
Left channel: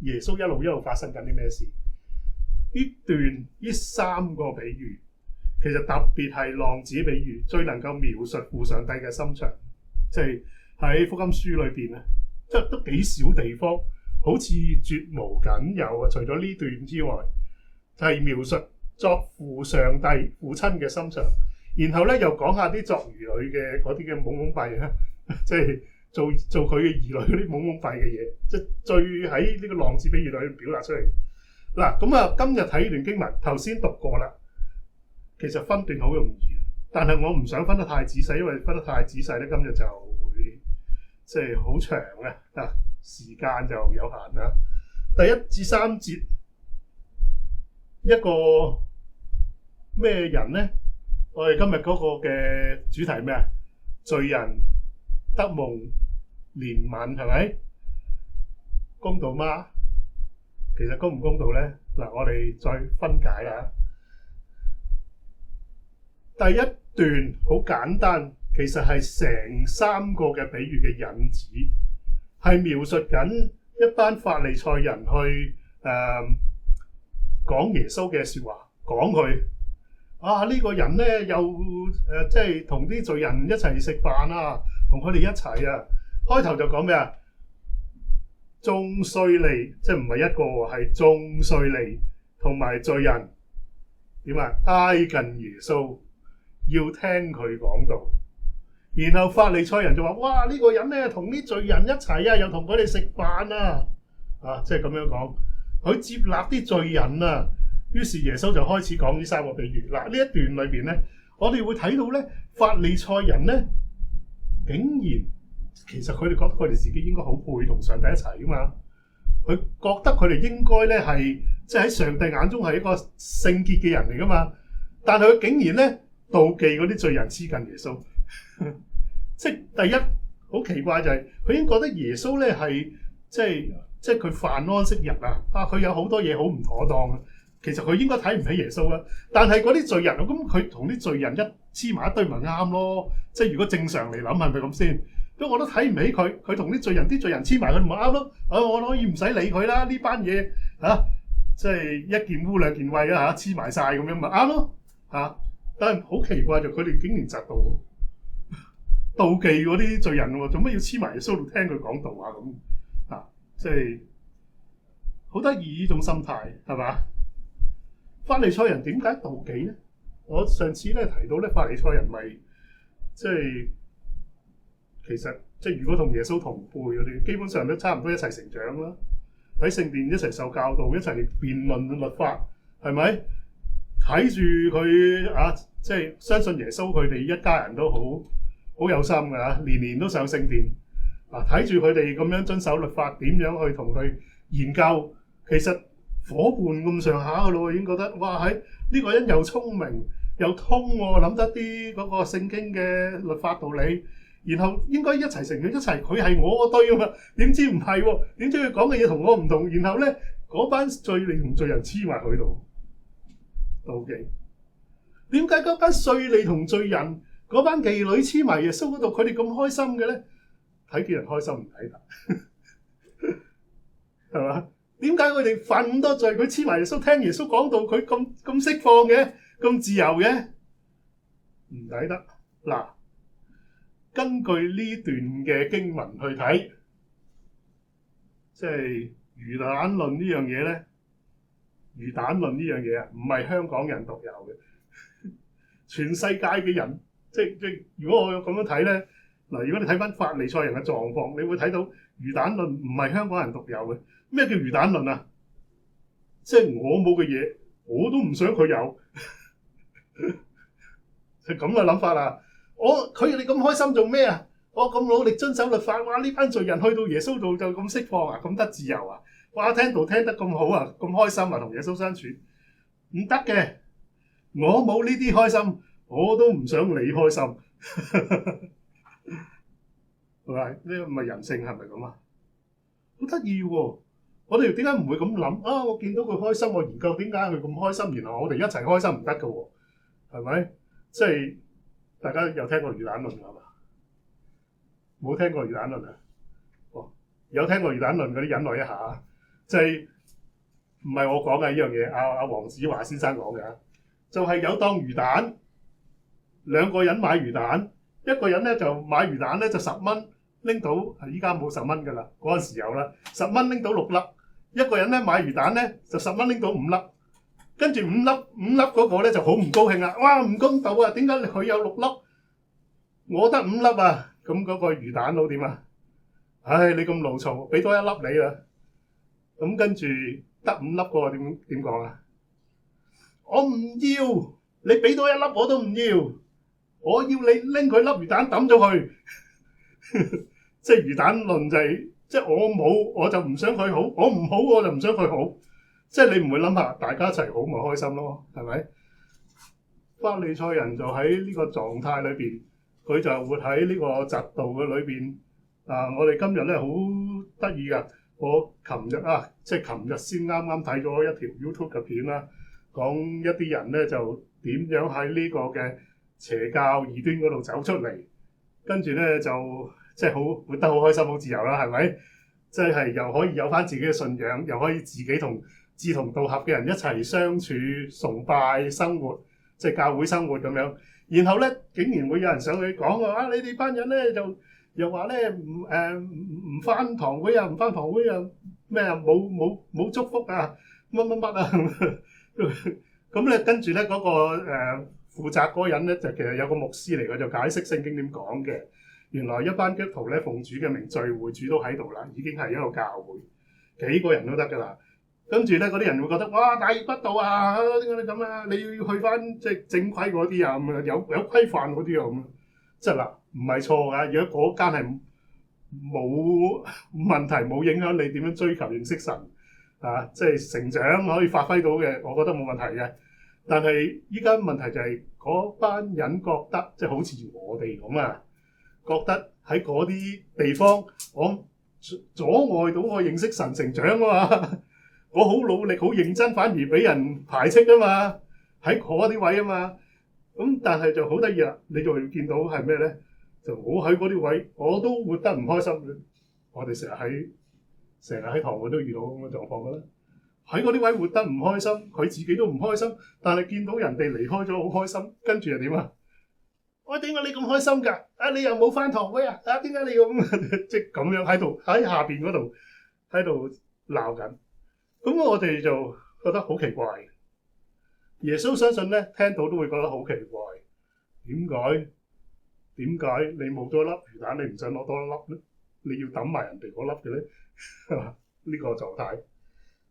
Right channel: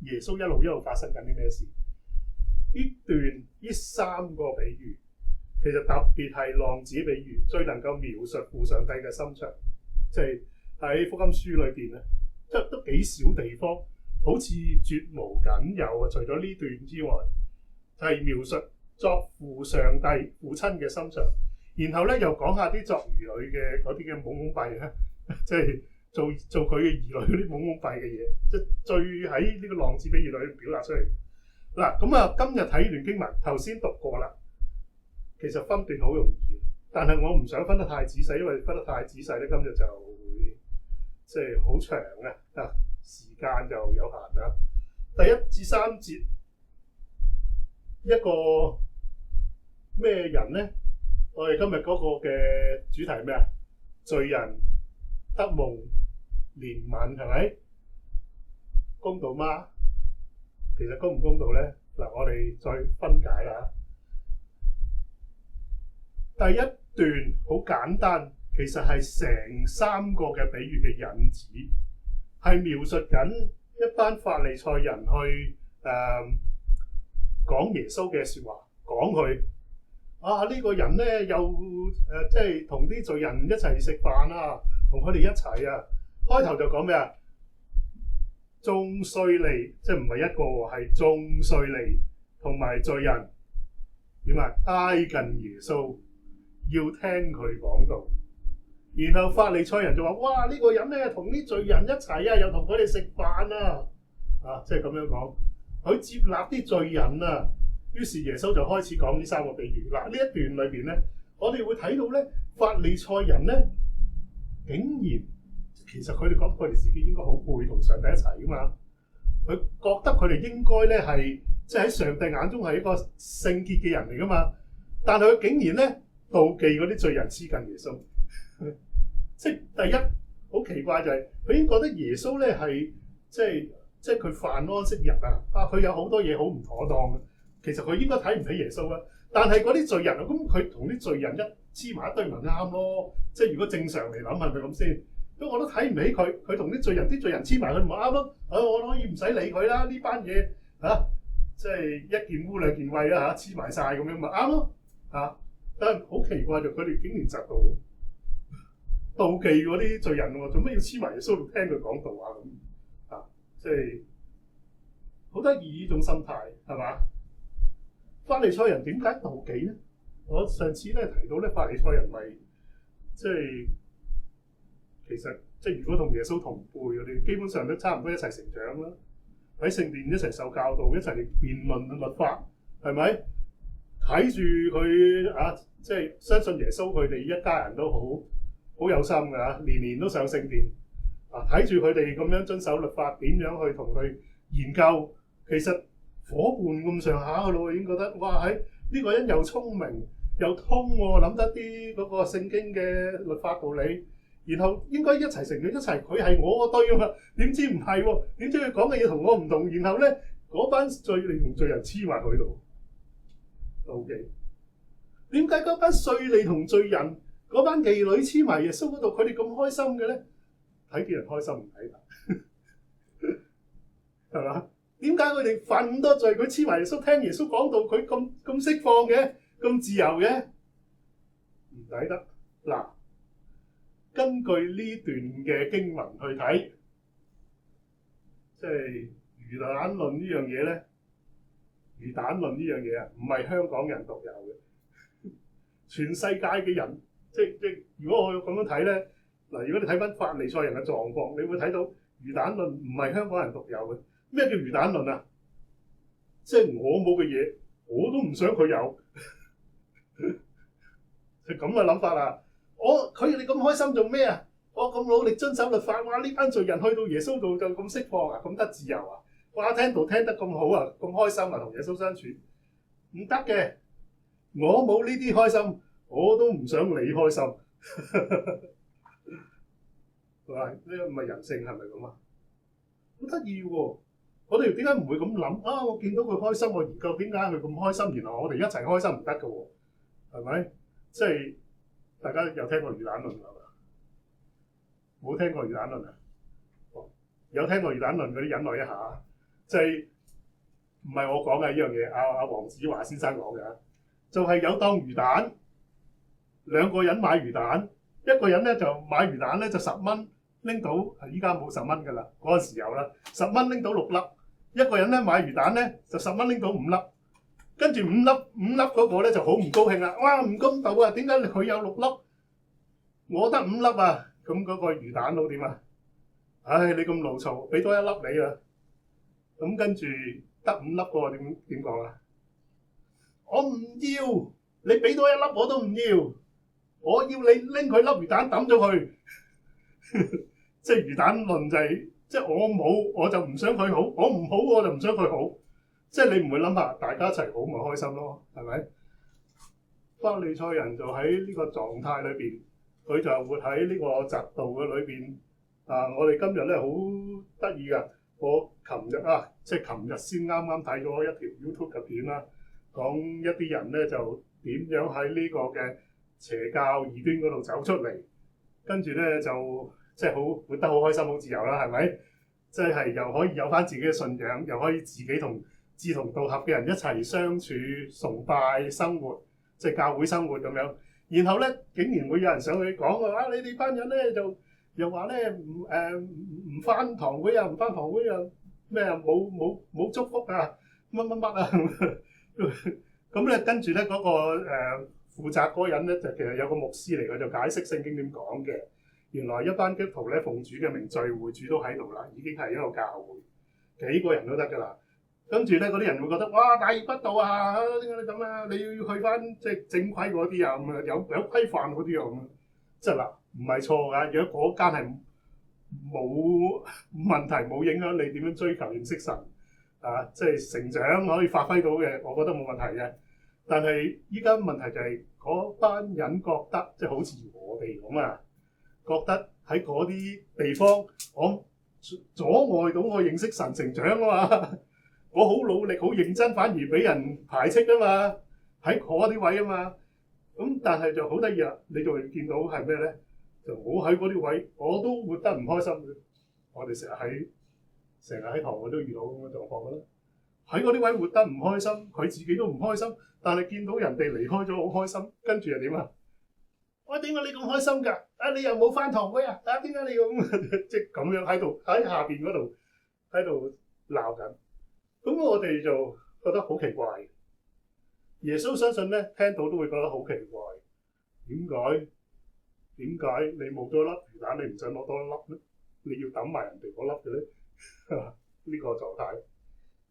耶穌一路發生緊啲咩事？呢3個比喻。其實特別係浪子比喻最能夠描述父上帝嘅心腸，即係喺福音書裏邊咧，即係都幾少地方好似絕無僅有啊！除咗呢段之外，係描述作父上帝父親嘅心腸，然後咧又講下啲作兒女嘅嗰啲嘅懵懵閉啊，即係做佢嘅兒女嗰啲懵懵閉嘅嘢，即係最喺呢個浪子比喻裏表達出嚟。嗱咁啊，今日睇段經文，頭先讀過啦，其實分段好容易，但係我唔想分得太仔細，因為分得太仔細咧，今日就會即係好長啊，時間就有限啦。第1至3節，一個咩人咧？我哋今日嗰個嘅主題咩啊？罪人得蒙憐憫，係咪？公道嗎？其實公唔公道咧？嗱，我哋再分解啦。第一段好簡單，其實係成3個嘅比喻嘅引子，係描述緊一班法利賽人去講耶穌嘅説話，講佢呢個人咧又即係同啲罪人一齊食飯啊，同佢哋一齊啊。開頭就講咩啊？眾稅吏，即係唔係一個喎，係眾稅吏同埋罪人點啊？挨近耶穌要聽佢講道，然後法利賽人就話：哇！呢個人咧同啲罪人一齊啊，又同佢哋食飯啊！即係咁樣講，佢接納啲罪人啊。於是耶穌就開始講呢3個比喻。嗱，呢一段裏邊咧，我哋會睇到咧，法利賽人咧竟然其實佢哋覺得佢哋自己應該好配同上帝一齊噶嘛。佢覺得佢哋應該咧係即係喺上帝眼中係一個聖潔嘅人嚟噶嘛。但係佢竟然咧妒忌嗰啲罪人黐近耶穌。即係第一好奇怪就係佢已經覺得耶穌咧係即係佢犯安息日啊！佢有好多嘢好唔妥當嘅。其實佢應該睇唔起耶穌啊，但係嗰啲罪人，咁佢同啲罪人一黐埋一堆咪啱咯？即係如果正常嚟諗係咪咁先？咁我都睇唔起佢，佢同啲罪人黐埋佢咪啱咯？我可以唔使理佢啦，呢班嘢即係一件污兩件穢啊黐埋晒咁樣咪啱咯但係好奇怪就佢哋竟然窒到妒忌嗰啲罪人喎，做乜要黐埋耶穌度聽佢講道啊咁即係好得意呢種心態係嘛？法利賽人點解妒忌咧？我上次咧提到咧，法利賽人咪即係其實即係如果同耶穌同輩嗰啲，基本上都差唔多一齊成長啦，喺聖殿一齊受教導，一齊辯論律法，係咪？睇住佢即係相信耶穌，佢哋一家人都好有心㗎，年年都上聖殿睇住佢哋咁樣遵守律法，點樣去同佢研究，其實伙伴咁上下嘅咯，已經覺得哇呢個人又聰明又通喎，諗得啲嗰個聖經嘅律法道理，然後應該一齊成長一齊，佢係我嗰堆啊嘛，點知唔係喎？點知佢講嘅嘢同我唔同，然後咧嗰班罪吏同罪人黐埋佢度妒忌。點解嗰班稅吏同罪人嗰班妓女黐埋耶穌嗰度，佢哋咁開心嘅咧？睇見人開心唔睇得，係嘛？點解佢哋犯咁多罪，佢黐埋耶穌聽耶穌講道，佢咁釋放嘅，咁自由嘅，唔抵得。嗱，根據呢段嘅經文去睇，即係魚蛋論呢樣嘢咧，魚蛋論呢樣嘢唔係香港人獨有嘅，全世界嘅人，即如果我咁樣睇咧，嗱，如果你睇翻法利賽人嘅狀況，你會睇到魚蛋論唔係香港人獨有嘅。咩叫魚蛋論啊？即係我冇嘅嘢，我都唔想佢有，係咁嘅諗法啦。佢哋咁開心做咩啊？我咁努力遵守律法，哇！呢班罪人去到耶穌度就咁釋放啊，咁得自由啊！哇！聽道聽得咁好啊，咁開心啊，同耶穌相處唔得嘅。我冇呢啲開心，我都唔想你開心，係咪？呢個唔係人性係咪咁啊？好得意喎！我哋點解唔會咁諗啊？我見到佢開心，我研究點解佢咁開心，然後我哋一齊開心唔得㗎喎，係咪？即係大家有聽過魚蛋論係嘛？冇聽過魚蛋論啊？有聽過魚蛋論嗰啲忍耐一下，即係唔係我講嘅呢樣嘢？阿黃子華先生講嘅，就係有檔魚蛋，兩個人買魚蛋，一個人咧就買魚蛋咧就10蚊拎到，依家冇10蚊㗎啦，嗰陣時有啦，10蚊拎到6粒。一個人咧買魚蛋咧就10蚊拎到5粒，跟住5粒嗰個咧就好唔高興啦！哇，唔公道啊！點解佢有6粒，我得5粒啊？咁嗰個魚蛋佬點啊？唉，你咁勞嘈，俾多一粒你啦。咁跟住得5粒嗰個點講啊？我唔要，你俾多一粒我都唔要，我要你拎佢粒魚蛋抌咗佢。即係魚蛋論就係，即係我冇我就唔想佢好，我唔好我就唔想佢好。即係你唔會諗下大家一齊好咪開心咯，係咪？法利賽人就喺呢個狀態裏邊，佢就活喺呢個嫉妒嘅裏邊。我哋今日咧好得意噶，我琴日先啱啱睇咗一條 YouTube 嘅片啦，講一啲人咧就點樣喺呢個嘅邪教異端嗰度走出嚟，跟住咧就即係好活得好開心好自由啦，係咪？即係又可以有翻自己嘅信仰，又可以自己同志同道合嘅人一齊相處、崇拜、生活，即係教會生活咁樣。然後咧，竟然會有人上去講啊！你哋班人咧就又話咧唔翻堂會啊，唔翻堂會啊，咩啊冇祝福啊，乜啊咁咧，跟住咧嗰個負責嗰個人咧就其實有個牧師嚟嘅，就解釋聖經點講嘅。原來一班基督徒咧奉主嘅名聚會，主都喺度啦，已經係一個教會，幾個人都得㗎啦。跟住咧嗰啲人會覺得哇大逆不道啊！點解你咁啊？你要去翻即係正規嗰啲啊咁啊，有規範嗰啲啊咁啊。即係嗱，唔係錯㗎。如果嗰間係冇問題、冇影響你點樣追求認識神啊，即係成長可以發揮到嘅，我覺得冇問題嘅。但係依家問題就係嗰班人覺得即係好似我哋咁啊，覺得喺嗰啲地方我阻礙到我認識神成長啊嘛。我好努力、好認真，反而俾人排斥啊嘛，喺嗰啲位啊嘛。咁但係就好得意啦，你就會見到係咩咧？就我喺嗰啲位，我都活得唔開心嘅。我哋成日喺堂會都遇到咁嘅狀況嘅啦。喺嗰啲位活得唔開心，佢自己都唔開心，但係見到人哋離開咗好開心，跟住又點啊？喂，點解你咁開心㗎？你又冇返堂會啊？點解你咁即係咁樣喺下邊嗰度喺度鬧緊？咁我哋就覺得好奇怪。耶穌相信咧，聽到都會覺得好奇怪。點解你冇咗粒魚蛋，你唔想攞多一粒咧？你要抌埋人哋嗰粒嘅咧？呢個狀態。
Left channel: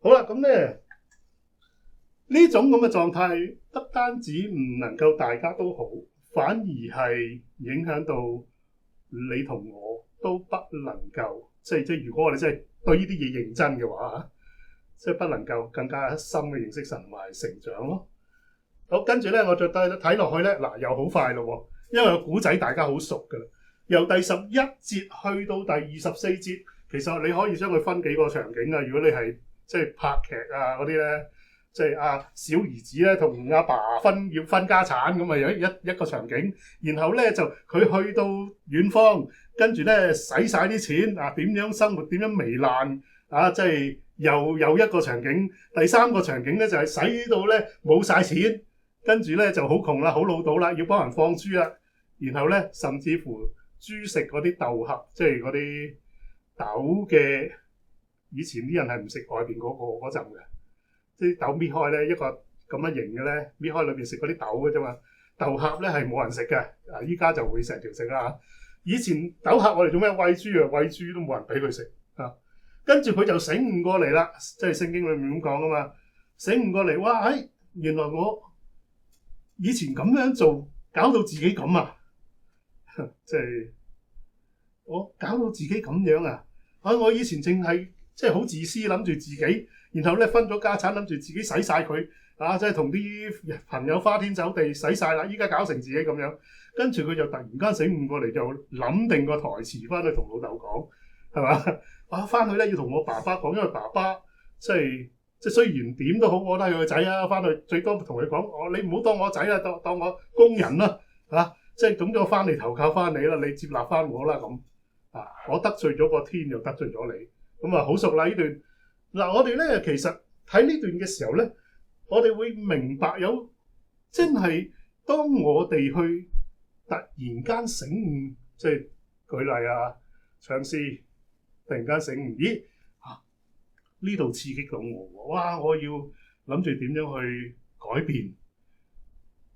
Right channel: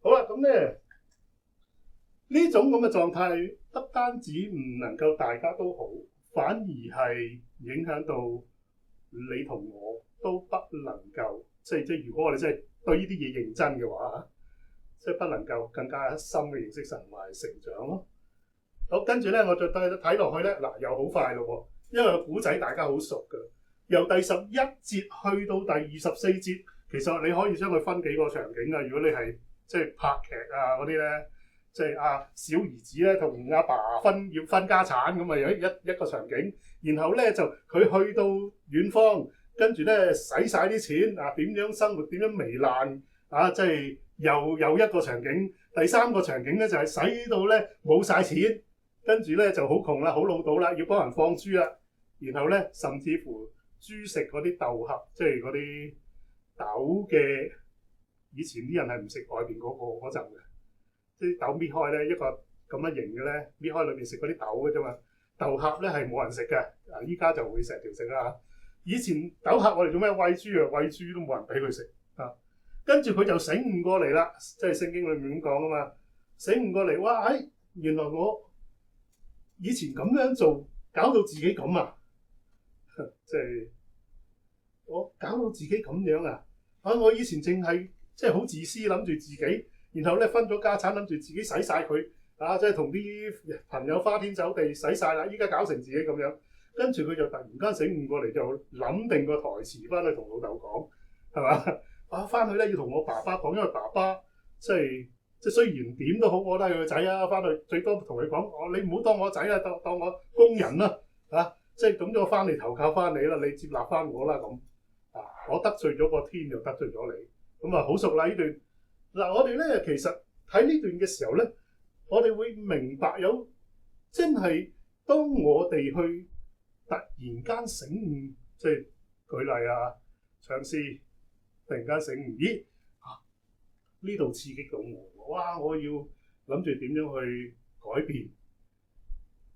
好啦，咁咧呢種咁嘅狀態，不單止唔能夠大家都好，反而係影響到你同我都不能夠，即係如果我哋真係對呢啲嘢認真嘅話，即係不能夠更加深嘅認識神同埋成長咯。好，跟住咧，我再睇落去咧，嗱又好快咯，因為個古仔大家好熟㗎。由第11節去到第24節，其實你可以將佢分幾個場景啊。如果你係即係拍劇啊嗰啲咧，即係小兒子咧同阿爸要分家產咁啊，有一個場景。然後咧就佢去到遠方，跟住咧使晒啲錢點樣生活，點樣糜爛即係又一個場景。第3個場景咧就係使到咧冇晒錢。跟住咧就好窮啦，好老到啦，要幫人放豬啦。然後咧，甚至乎豬食嗰啲豆殼，即係嗰啲豆嘅。以前啲人係唔食外邊嗰陣嘅，即係豆搣開咧一個咁樣型嘅咧，搣開裏邊食嗰啲豆嘅啫嘛。豆殼咧係冇人食嘅，依家就會成條食啦。以前豆殼我哋做咩餵豬啊？餵豬都冇人俾佢食啊。跟住佢就醒悟過嚟啦，即係聖經裏面咁講啊嘛。醒悟過嚟，哇！原來我以前咁樣做，搞到自己咁啊！即係我搞到自己咁樣啊！我以前淨係即係好自私，諗住自己，然後咧分咗家產，諗住自己使晒佢即係同啲朋友花天酒地使晒啦。依家搞成自己咁樣，跟住佢就突然間醒悟過嚟，就諗定個台詞翻去同老豆講，係嘛？翻去咧要同我爸爸講，因為爸爸即係雖然點都好，我都係佢個仔啊！翻去最多同佢講，你唔好當我仔啦，當我工人啦，即係咁咗翻嚟投靠翻你啦，你接納翻我啦咁我得罪咗個天，又得罪咗你，咁好熟啦呢段。嗱，我哋咧其實睇呢段嘅時候咧，我哋會明白有真係當我哋去突然間醒悟，即係舉例唱詩突然間醒悟，咦？呢度刺激到我，哇！我要諗住點樣去改變，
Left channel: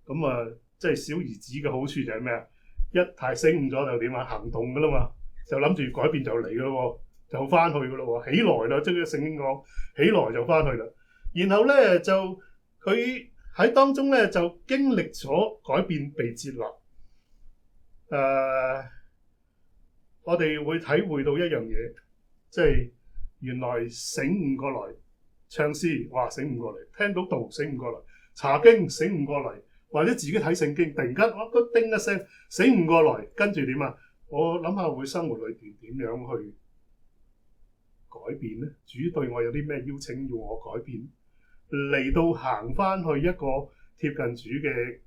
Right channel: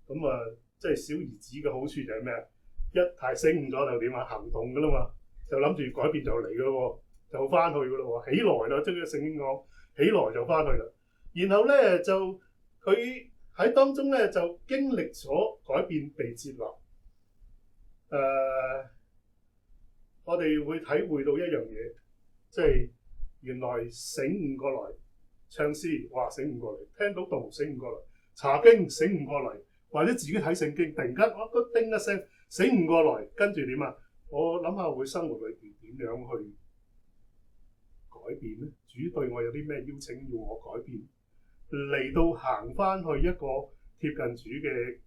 咁即係小兒子嘅好處就係咩啊？一太醒悟咗就點啊？行動噶啦嘛，就諗住改變就嚟噶咯喎，就翻去噶咯喎，起來啦，即係聖經講起來就翻去啦。然後咧就佢喺當中咧就經歷咗改變被接納。我哋會體會到一樣嘢，即係原來醒悟過來唱詩，哇醒悟過嚟，聽到道醒悟過嚟，查經醒悟過嚟，或者自己睇聖經，突然間我個叮一聲醒悟過來，跟住點啊？我諗下會生活裏邊點樣去改變咧？主對我有啲咩邀請要我改變？嚟到行翻去一個貼近主嘅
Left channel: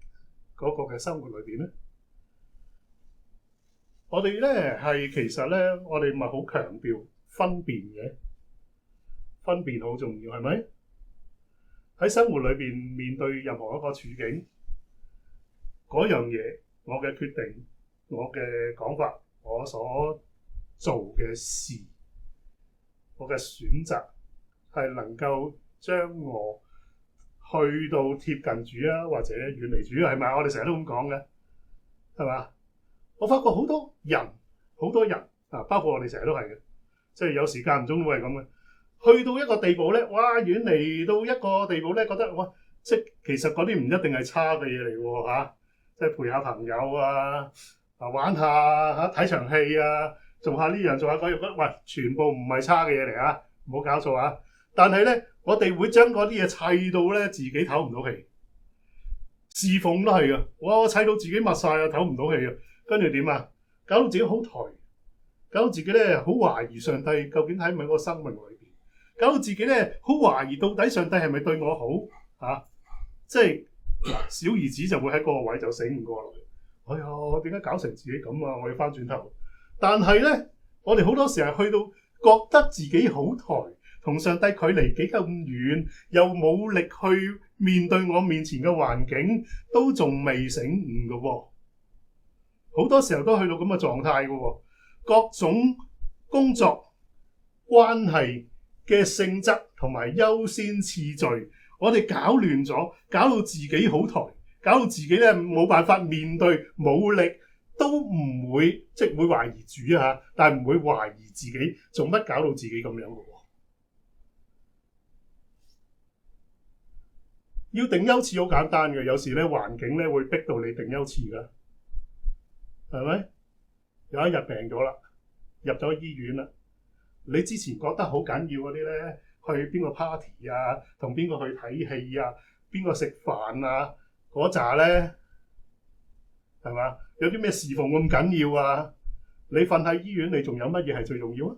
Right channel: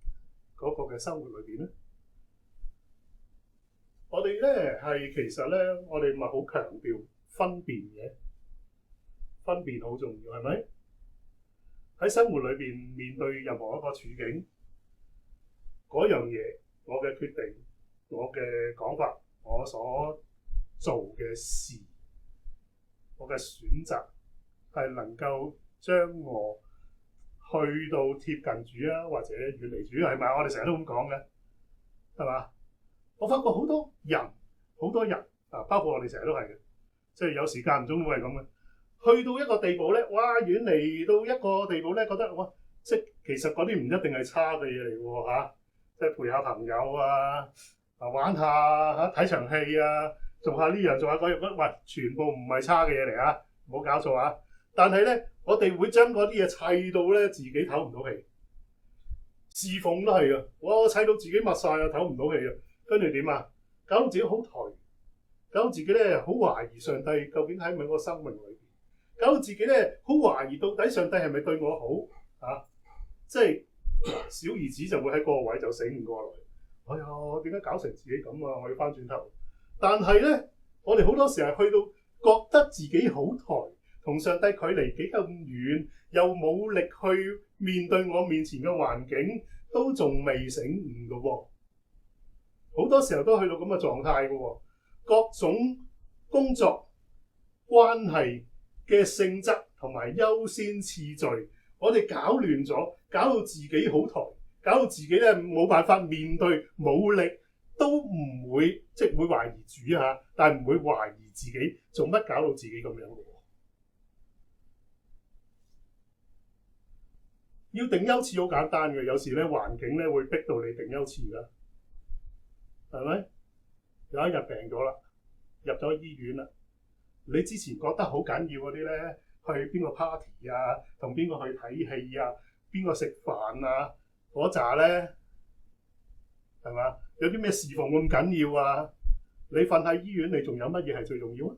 嗰個嘅生活裏邊咧？我哋咧係其實咧，我哋咪好強調分辨嘅，分辨好重要，係咪？喺生活裏邊面對任何一個處境，嗰樣嘢，我嘅決定，我嘅講法，我所做嘅事，我嘅選擇，係能夠將我去到貼近主啊，或者遠離主，係咪？我哋成日都咁講嘅，係嘛？我發覺好多人啊，包括我哋成日都係嘅，即係有時間唔中都係咁嘅。去到一個地步咧，哇！遠離到一個地步咧，覺得哇，即係其實嗰啲唔一定係差嘅嘢嚟喎嚇，即係陪下朋友啊，玩下嚇睇場戲啊，做下呢樣做下嗰樣，喂，全部唔係差嘅嘢嚟啊，唔好搞錯啊！但係咧，我哋會將嗰啲嘢砌到咧，自己唞唔到氣。侍奉都係噶，哇！砌到自己密晒啊，唞唔到氣啊！跟住點啊？搞到自己好頹，搞到自己咧好懷疑上帝究竟喺唔喺個生命裏邊，搞到自己咧好懷疑到底上帝係咪對我好啊？即係小兒子就會喺嗰個位就醒唔過來。哎呀，點解搞成自己咁啊？我要翻轉頭。但係咧，我哋好多時係去到覺得自己好頹，同上帝距離幾咁遠，又冇力去面對我面前嘅環境，都仲未醒悟㗎喎。好多時候都去到咁嘅狀態嘅喎，各種工作關係嘅性質同埋優先次序，我哋搞亂咗，搞到自己好頹，搞到自己咧冇辦法面對，冇力都唔會，即係會懷疑主嚇，但係唔會懷疑自己做乜搞到自己咁樣嘅喎。要定優次好簡單嘅，有時咧環境咧會逼到你定優次㗎。係咪？有一日病咗啦，入咗醫院啦。你之前覺得好緊要嗰啲咧，去邊個 party 啊，同邊個去睇戲啊，邊個食飯啊，嗰扎咧，係嘛？有啲咩侍奉咁緊要啊？你瞓喺醫院，你仲有乜嘢係最重要啊？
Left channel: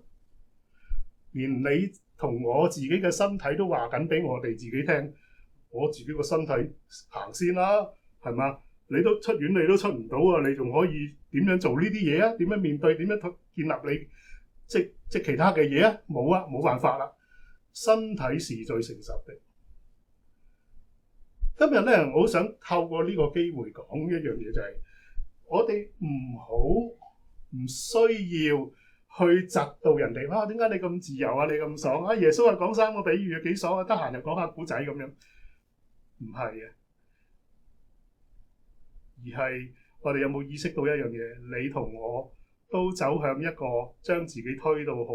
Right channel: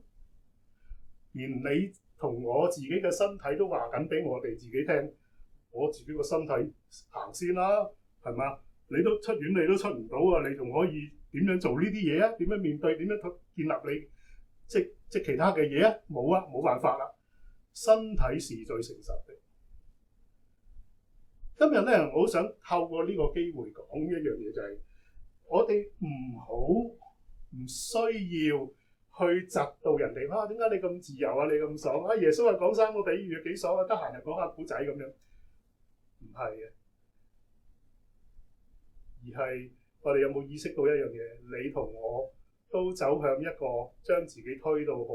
連你同我自己嘅身體都話緊俾我哋自己聽，我自己個身體行先啦，係嘛？你都出院，你都出唔到啊！你仲可以點樣做呢啲嘢啊？點樣面對？點樣建立你即其他嘅嘢啊？冇啊，冇辦法啦。身體是最誠實的。今日咧，我好想透過呢個機會講一樣嘢，就係我哋唔需要去窒到人哋。哇！點解你咁自由啊？你咁爽啊？耶穌係講3個比喻幾爽啊！得閒就講下古仔咁樣，唔係嘅。而係我哋有冇意識到一樣嘢？你同我都走向一個將自己推到好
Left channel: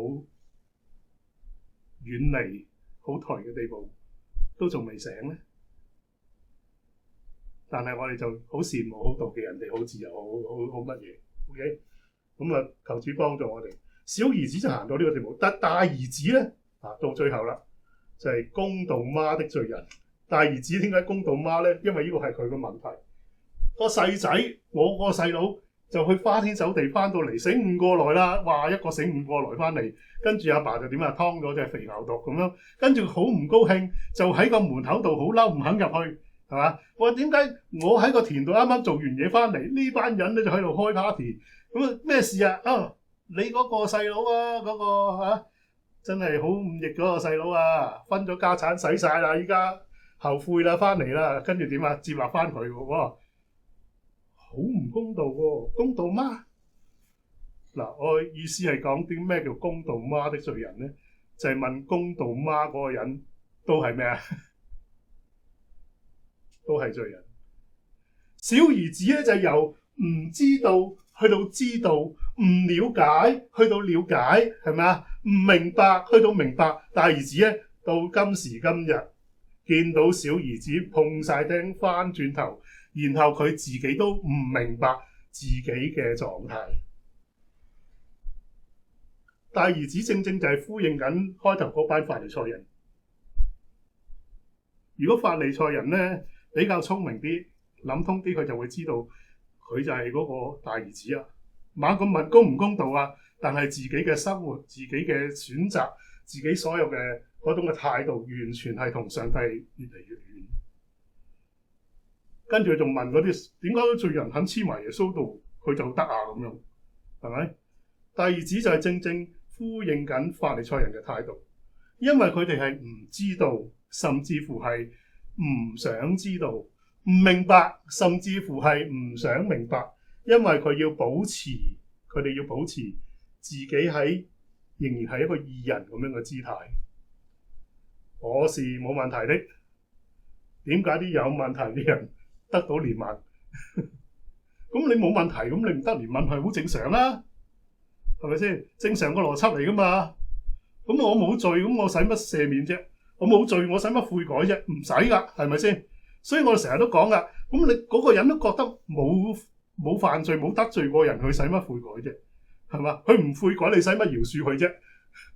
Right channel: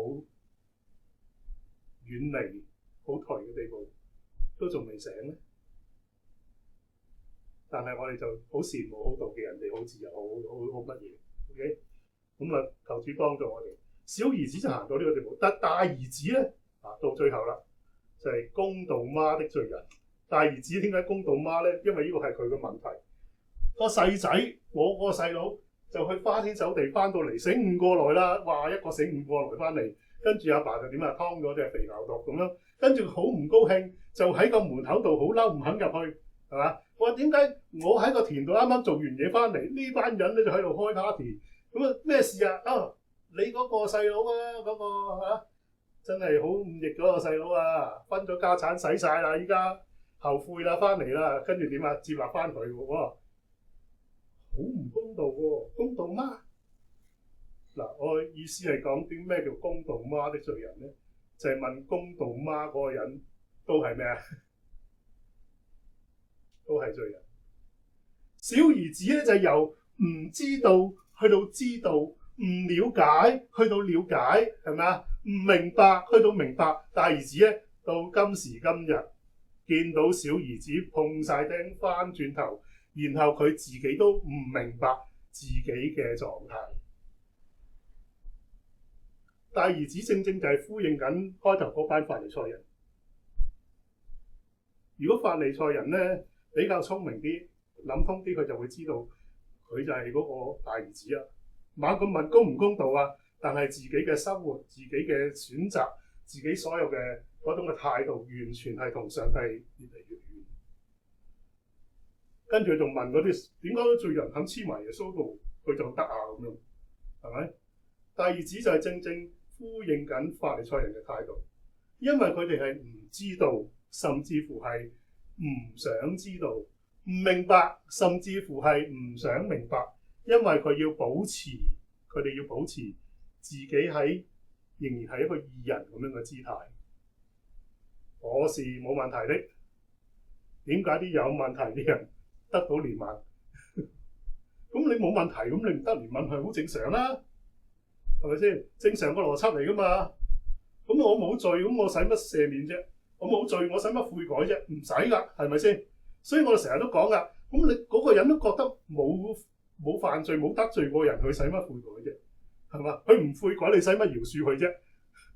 遠離、好頹嘅地步，都仲未醒咧。但係我哋就好羨慕、好妒忌人哋好自由、好乜嘢。OK， 咁啊，求主幫助我哋。小兒子就行到呢個地步，但大兒子咧到最後啦，就係公道媽的罪人。大兒子點解公道媽咧？因為呢個係佢嘅問題。個細仔，我個細佬就去花天酒地翻到嚟，醒悟過來啦！哇，一個醒悟過來翻嚟，跟住阿爸就點啊，劏咗隻肥牛犢咁樣，跟住好唔高興，就喺個門口度好嬲，唔肯入去，係嘛？我話點解我喺個田度啱啱做完嘢翻嚟，呢班人咧就喺度開 party，咁啊咩事啊？啊，你嗰個細佬啊，嗰個真係好忤逆嗰個細佬啊，分咗家產使晒啦，依家後悔啦，翻嚟啦，跟住點啊？接納翻佢喎。好唔公道喎，公道嗎？嗱，我意思係講啲咩叫公道媽的罪人咧？就係問公道媽嗰個人都係咩啊？都係罪人。小兒子咧就由唔知道去到知道，唔了解去到了解，係咪啊？唔明白去到明白。大兒子咧，到今時今日見到小兒子碰晒釘翻轉頭，然後佢自己都唔明白自己嘅狀態。大兒子正正就係呼應緊開頭嗰班法利賽人。如果法利賽人咧比較聰明啲、諗通啲，佢就會知道佢就係嗰個大兒子啊。猛咁問公唔公道啊？但係自己嘅生活、自己嘅選擇、自己所有嘅嗰種嘅態度，完全係同上帝越嚟越遠。跟住佢仲問嗰啲點解罪人肯黐埋耶穌度，佢就得啊？咁樣係咪？大兒子就係正正呼應緊法利賽人嘅態度，因為佢哋係唔知道，甚至乎係唔想知道、唔明白，甚至乎係唔想明白，因為佢哋要保持自己喺仍然係一個義人咁樣嘅姿態。我是冇問題的，點解啲有問題啲人得到憐憫？咁你冇問題，咁你唔得憐憫係好正常啦，係咪先？正常個邏輯嚟噶嘛。咁我冇罪，咁我使乜赦免啫？我冇罪，我使乜悔改啫？唔使噶，係咪先？所以我哋成日都講噶，咁你嗰個人都覺得冇犯罪、冇得罪過人，佢使乜悔改啫？係嘛？佢唔悔改，你使乜饒恕佢啫？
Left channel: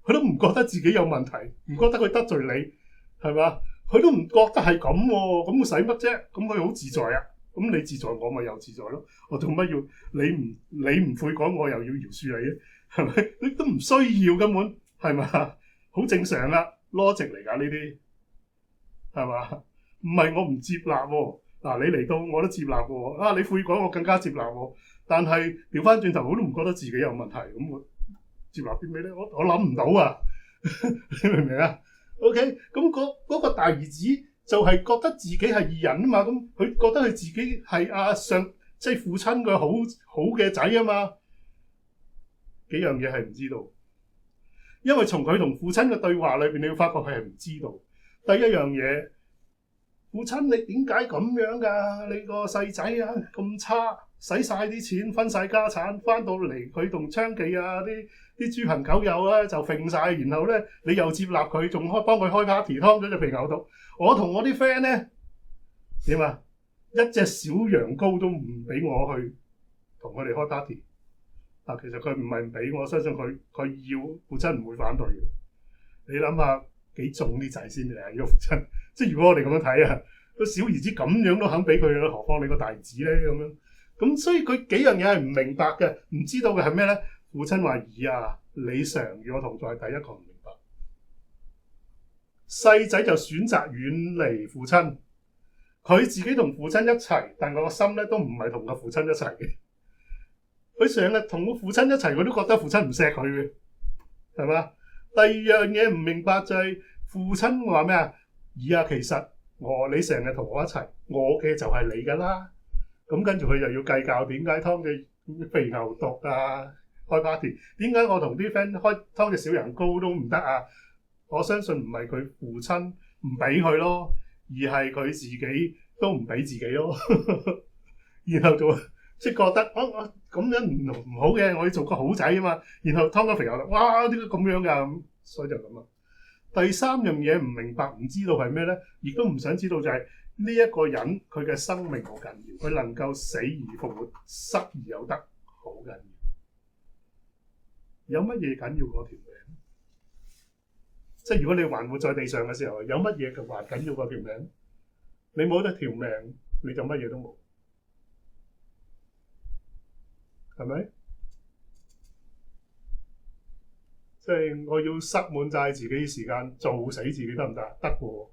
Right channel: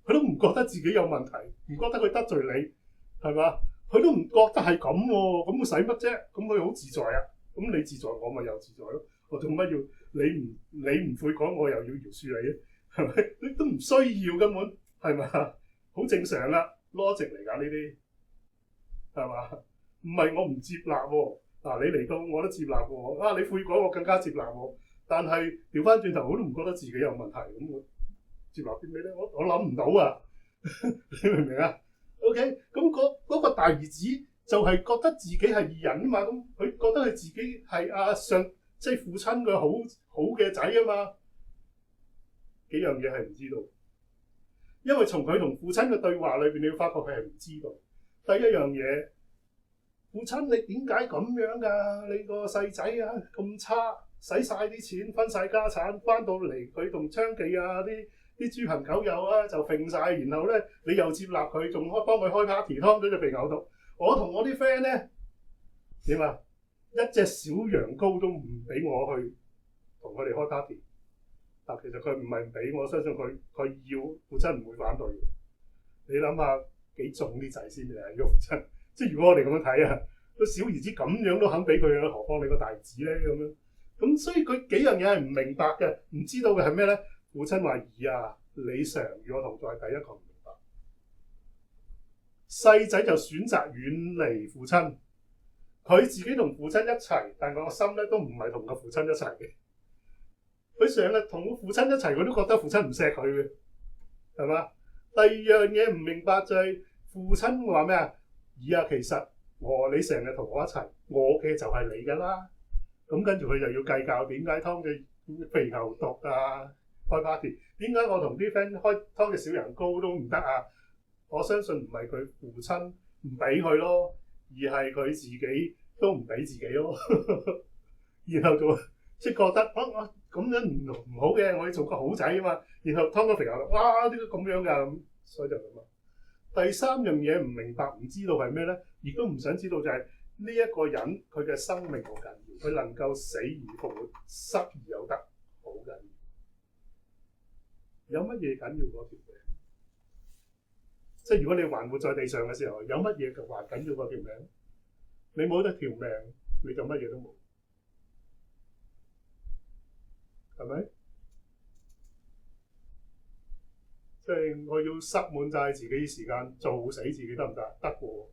佢都唔覺得自己有問題，唔覺得佢得罪你，係嘛？佢都唔覺得係咁喎，咁佢使乜啫？咁佢好自在啊！咁你自在，我咪又自在咯。我做乜要你唔悔改，我又要饒恕你咧？係咪？你都唔需要根本，係嘛？好正常啦，logic 嚟㗎呢啲，係嘛？唔係我唔接納喎。嗱，你嚟到我都接納喎。啊，你悔改我更加接納喎。但係調翻轉頭，我都唔覺得自己有問題。咁我接納啲咩咧？我諗唔到啊！你明唔明啊？OK，咁嗰個大兒子就係覺得自己係義人啊嘛。咁佢覺得佢自己係即係父親嘅好嘅仔啊嘛。幾樣嘢係唔知道，因為從佢同父親嘅對話裏邊，你要發覺佢係唔知道。第一樣嘢，父親你點解咁樣㗎？你個細仔啊咁差，使晒啲錢，分晒家產，翻到嚟佢同娼妓啊啲豬朋狗友啊就揈晒，然後咧你又接納佢，仲幫佢開 party， 劏咗隻肥牛犢。我同我啲 friend 咧點啊？一隻小羊羔都唔俾我去同佢哋開 party。嗱，其實佢唔係唔俾，我相信佢要，父親唔會反對嘅。你諗下幾重啲仔先嚟呢個父親？即係如果我哋咁樣睇啊，個小兒子咁樣都肯俾佢啦，何況你個大兒子咧咁樣？咁所以佢幾樣嘢係唔明白嘅，唔知道嘅係咩咧？父親話：兒啊，你常與我同在，第一個唔明白。細仔就選擇遠離父親，佢自己同父親一齊，但個心咧都唔係同個父親一齊嘅。佢成日同個父親一齊，佢都覺得父親唔錫佢嘅，係嘛？第二樣嘢唔明白就係父親話咩啊？兒啊，其實你成日同我一齊，我嘅就係你㗎啦。咁跟住佢又要計較點解劏隻肥牛犢啊，開 party？ 點解我同啲 friend 劏隻小羊羔都唔得啊？我相信唔係佢父親唔俾佢咯，而係佢自己都唔俾自己咯。然後就即係覺得我咁樣唔好嘅，我要做個好仔啊嘛。然後劏個肥牛犢，哇！點解咁樣㗎？所以就咁啦。第三樣嘢唔明白、唔知道係咩咧，亦都唔想知道就係呢一個人佢嘅生命好緊要，佢能夠死而復活、失而有得，好緊要。有乜嘢緊要過條命？即係如果你還活在地上嘅時候，有乜嘢還緊要過條命？你冇得條命，你就乜嘢都冇，係咪？即係我要塞滿晒自己時間做死自己得唔得？得喎，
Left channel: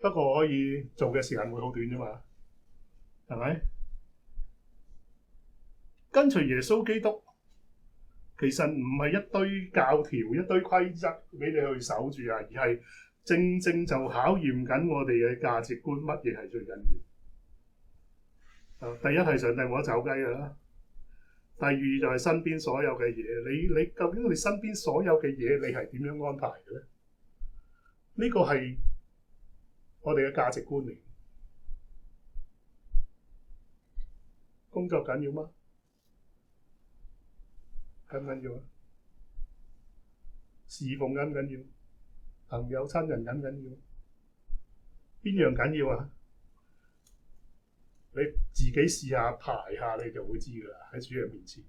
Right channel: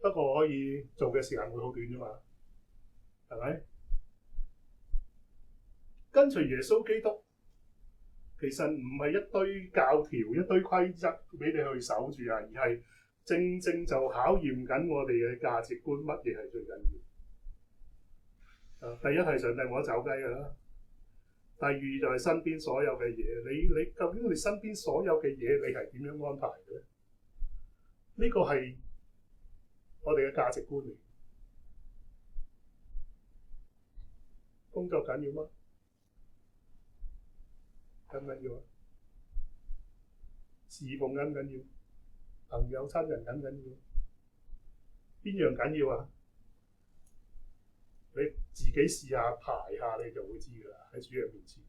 不過可以做嘅時間會好短啫嘛，係咪？跟隨耶穌基督，其實唔係一堆教條、一堆規則俾你去守住啊，而係正正就考驗緊我哋嘅價值觀，乜嘢係最緊要？第一係上帝冇得走雞㗎啦。第二就係身邊所有嘅嘢，你究竟你身邊所有嘅嘢，你係點樣安排嘅咧？呢個係我哋嘅價值觀嚟。工作緊要嗎？緊唔緊要啊？侍奉緊唔緊要？朋友親人緊唔緊要？邊樣緊要啊？你自己試下排下，你就會知㗎啦。喺主嘅面前，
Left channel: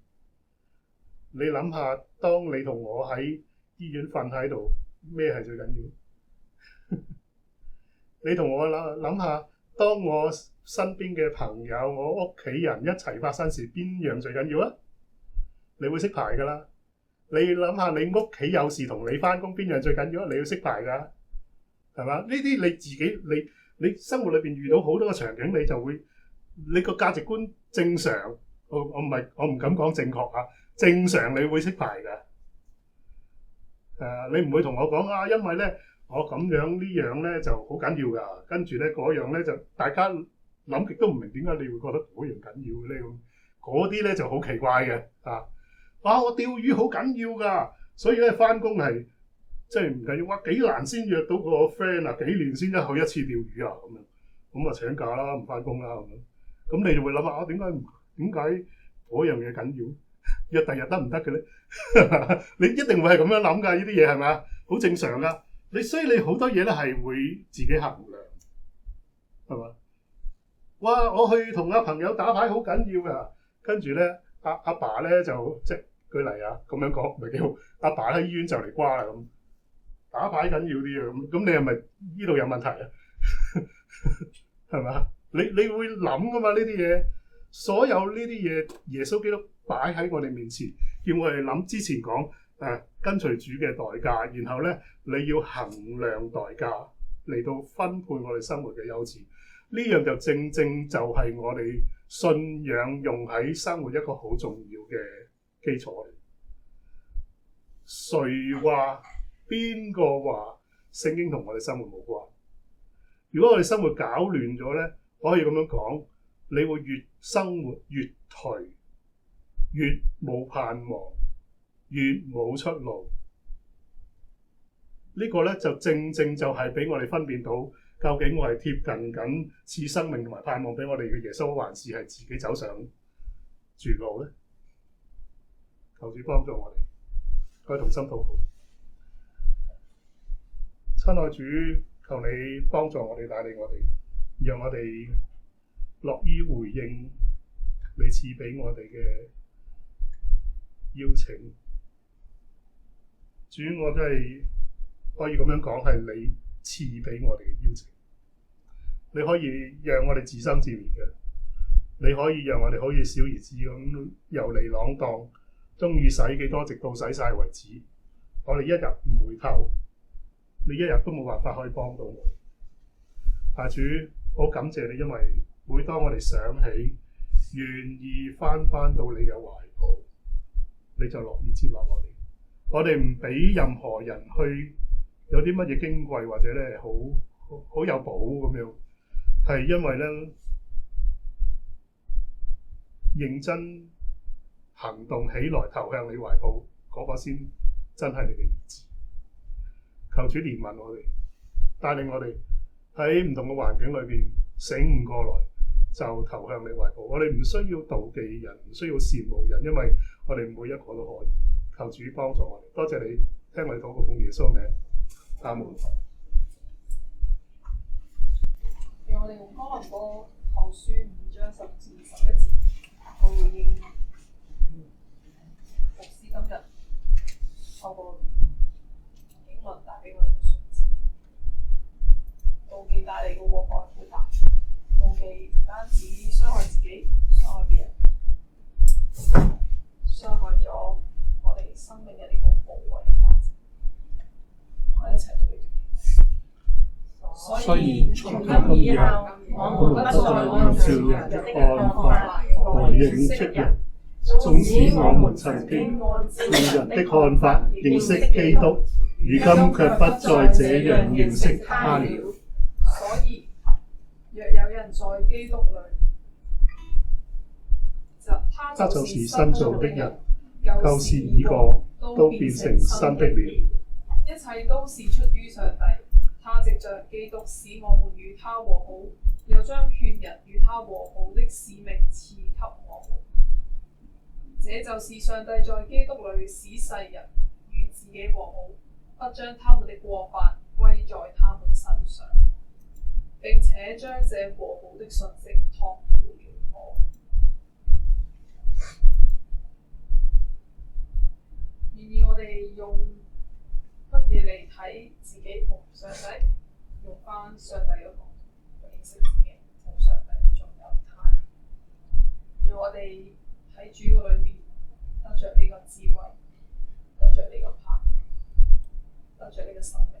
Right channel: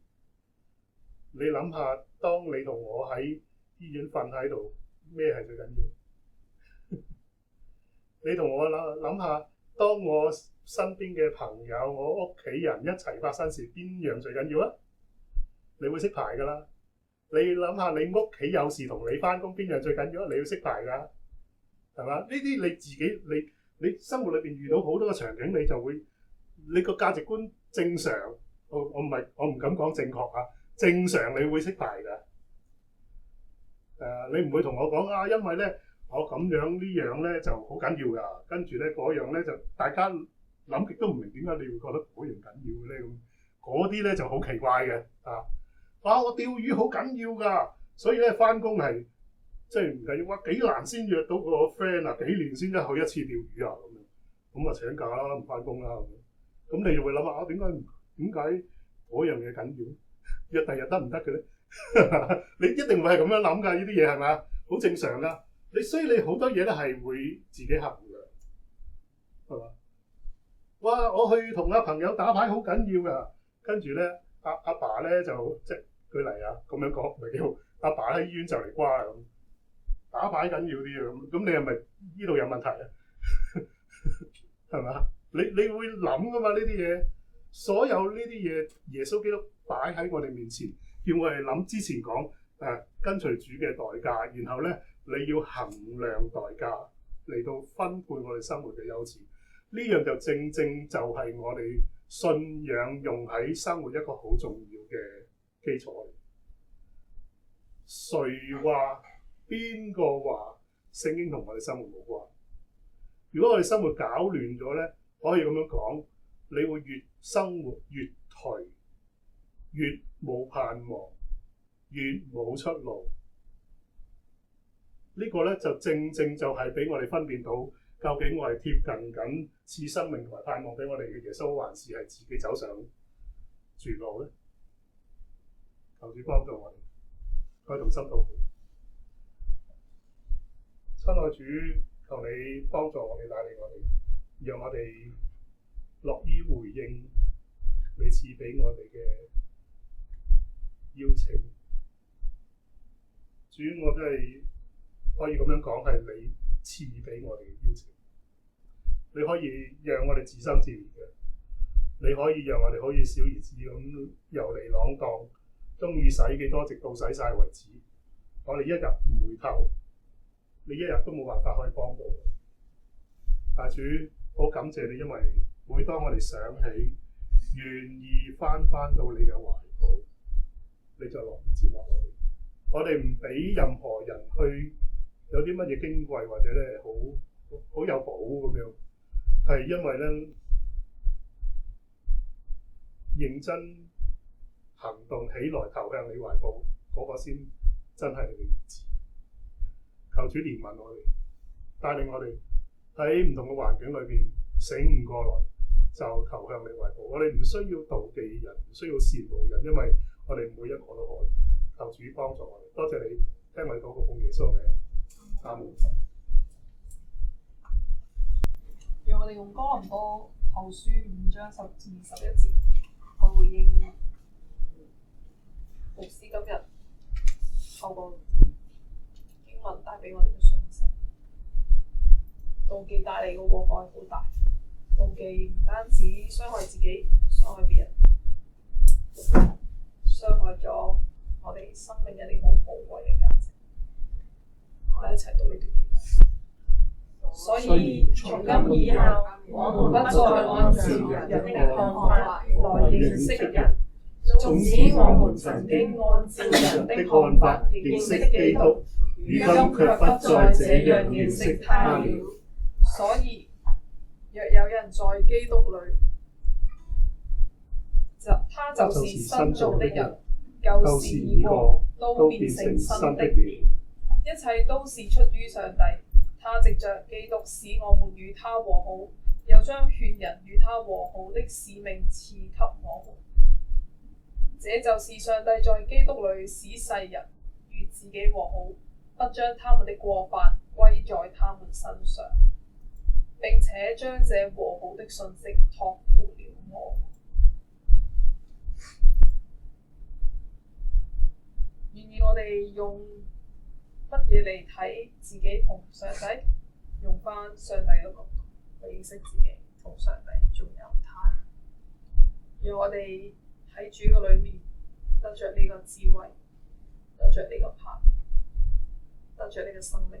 你諗下，當你同我喺醫院瞓喺度，咩係最緊要？你同我諗下，當我身邊嘅朋友、我屋企人一齊發生事，邊樣最緊要啊？你會識排㗎啦。你諗下，你屋企有事同你翻工，邊樣最緊要啊？你要識排㗎，係嘛？呢啲你自己，你生活裏邊遇到好多個場景，你就會你個價值觀正常。我唔敢講正確啊，正常你會識排㗎。你唔會同我講啊，因為咧我咁樣呢樣咧就好緊要㗎，跟住咧嗰樣咧就大家諗極都唔明點解你會覺得嗰樣緊要咧咁，嗰啲咧就好奇怪嘅啊！我釣魚好緊要㗎，所以咧翻工係即係唔緊要。哇，幾難先約到個 friend 啊，幾年先去一次釣魚啊咁樣，咁啊請假啦，唔翻工啦咁樣。咁你就會諗下點解嗰樣嘢緊要？約第日得唔得嘅咧？你一定會係咁樣諗㗎，呢啲嘢係咪啊？好正常㗎。所以你好多嘢咧係會自己衡量，係嘛？哇！我去同阿朋友打牌好緊要㗎，跟住咧阿爸咧就即係舉例啊，咁樣講唔係幾好。阿爸喺醫院就嚟瓜啦咁，打牌緊要啲啊咁，你係咪呢度有問題啊？係嘛？你會諗㗎嘛呢啲嘢？所有呢啲嘢，耶穌基督擺喺我哋面前，叫我哋諗之前講跟隨主嘅代價，然後咧你要衡量代價嚟到分配我哋生活嘅優次。呢樣就正就係我哋信仰用喺生活一個好重要嘅基礎嚟。誰話邊個話聖經同我哋生活冇關？如果我哋生活搞亂咗咧，可以咁樣講，你會越生活越頹，越冇盼望，越冇出路。呢個咧就正就係俾我哋分辨到，究竟我係貼近緊賜生命同埋盼望俾我哋嘅耶穌，還是係自己走上絕路咧？求主幫助我哋，可以同心禱告。親愛主，求你幫助我哋，帶領我哋，讓我哋樂於回應你賜俾我哋嘅邀請。主，我都係可以咁樣講，係你賜俾我哋嘅邀請。你可以讓我哋自生自滅嘅，你可以讓我哋好似小兒子咁遊離浪蕩，中意使幾多直到使晒為止。我哋一日唔回頭，你一日都冇辦法可以幫到我。但主，好感謝你，因為每當我哋想起，願意翻到你嘅懷抱，你就樂意接納我哋。我哋唔俾任何人去有啲乜嘢矜貴或者咧好有寶咁樣，係因為咧認真行動起來投向你懷抱嗰個先真係你嘅兒子。求主憐憫我哋，帶領我哋喺唔同嘅環境裏邊醒悟過來，就投向你懷抱。我哋唔需要妒忌人，唔需要羨慕人，因為我哋每一個都可以。求主幫助我哋，多謝你聽我哋禱告，奉耶穌名，阿門。讓我哋用哥林多後書5章10至11節去回應牧師今日透過經文帶俾我哋嘅訊息。妒忌帶嚟嘅禍害好大，妒忌唔單止傷害自己，傷害別人，傷害咗我哋生命一啲好寶貴嘅價值。我哋一齊讀呢段經文。所以從今以後，我們不再按照人的看法來認識人。從此我們曾經按照人的看法認識基督，如今卻不再這樣認識他了。所以，若有人在基督裏，他就是新造的人，舊事已過，都變成新的了。一切都是出於上帝，他藉着基督使我們與他和好，又將勸人與他和好的使命賜給我們。這就是上帝在基督裏使世人與自己和好，不將他們的過犯歸在他們身上，並且將這和好的信息託付了我。願意我哋用乜嘢嚟睇自己同上帝？用返上帝嘅角度去認識自己同上帝，仲有他。讓我哋喺主嘅裏面得着呢個智慧，得着呢個盼，得着呢個生命。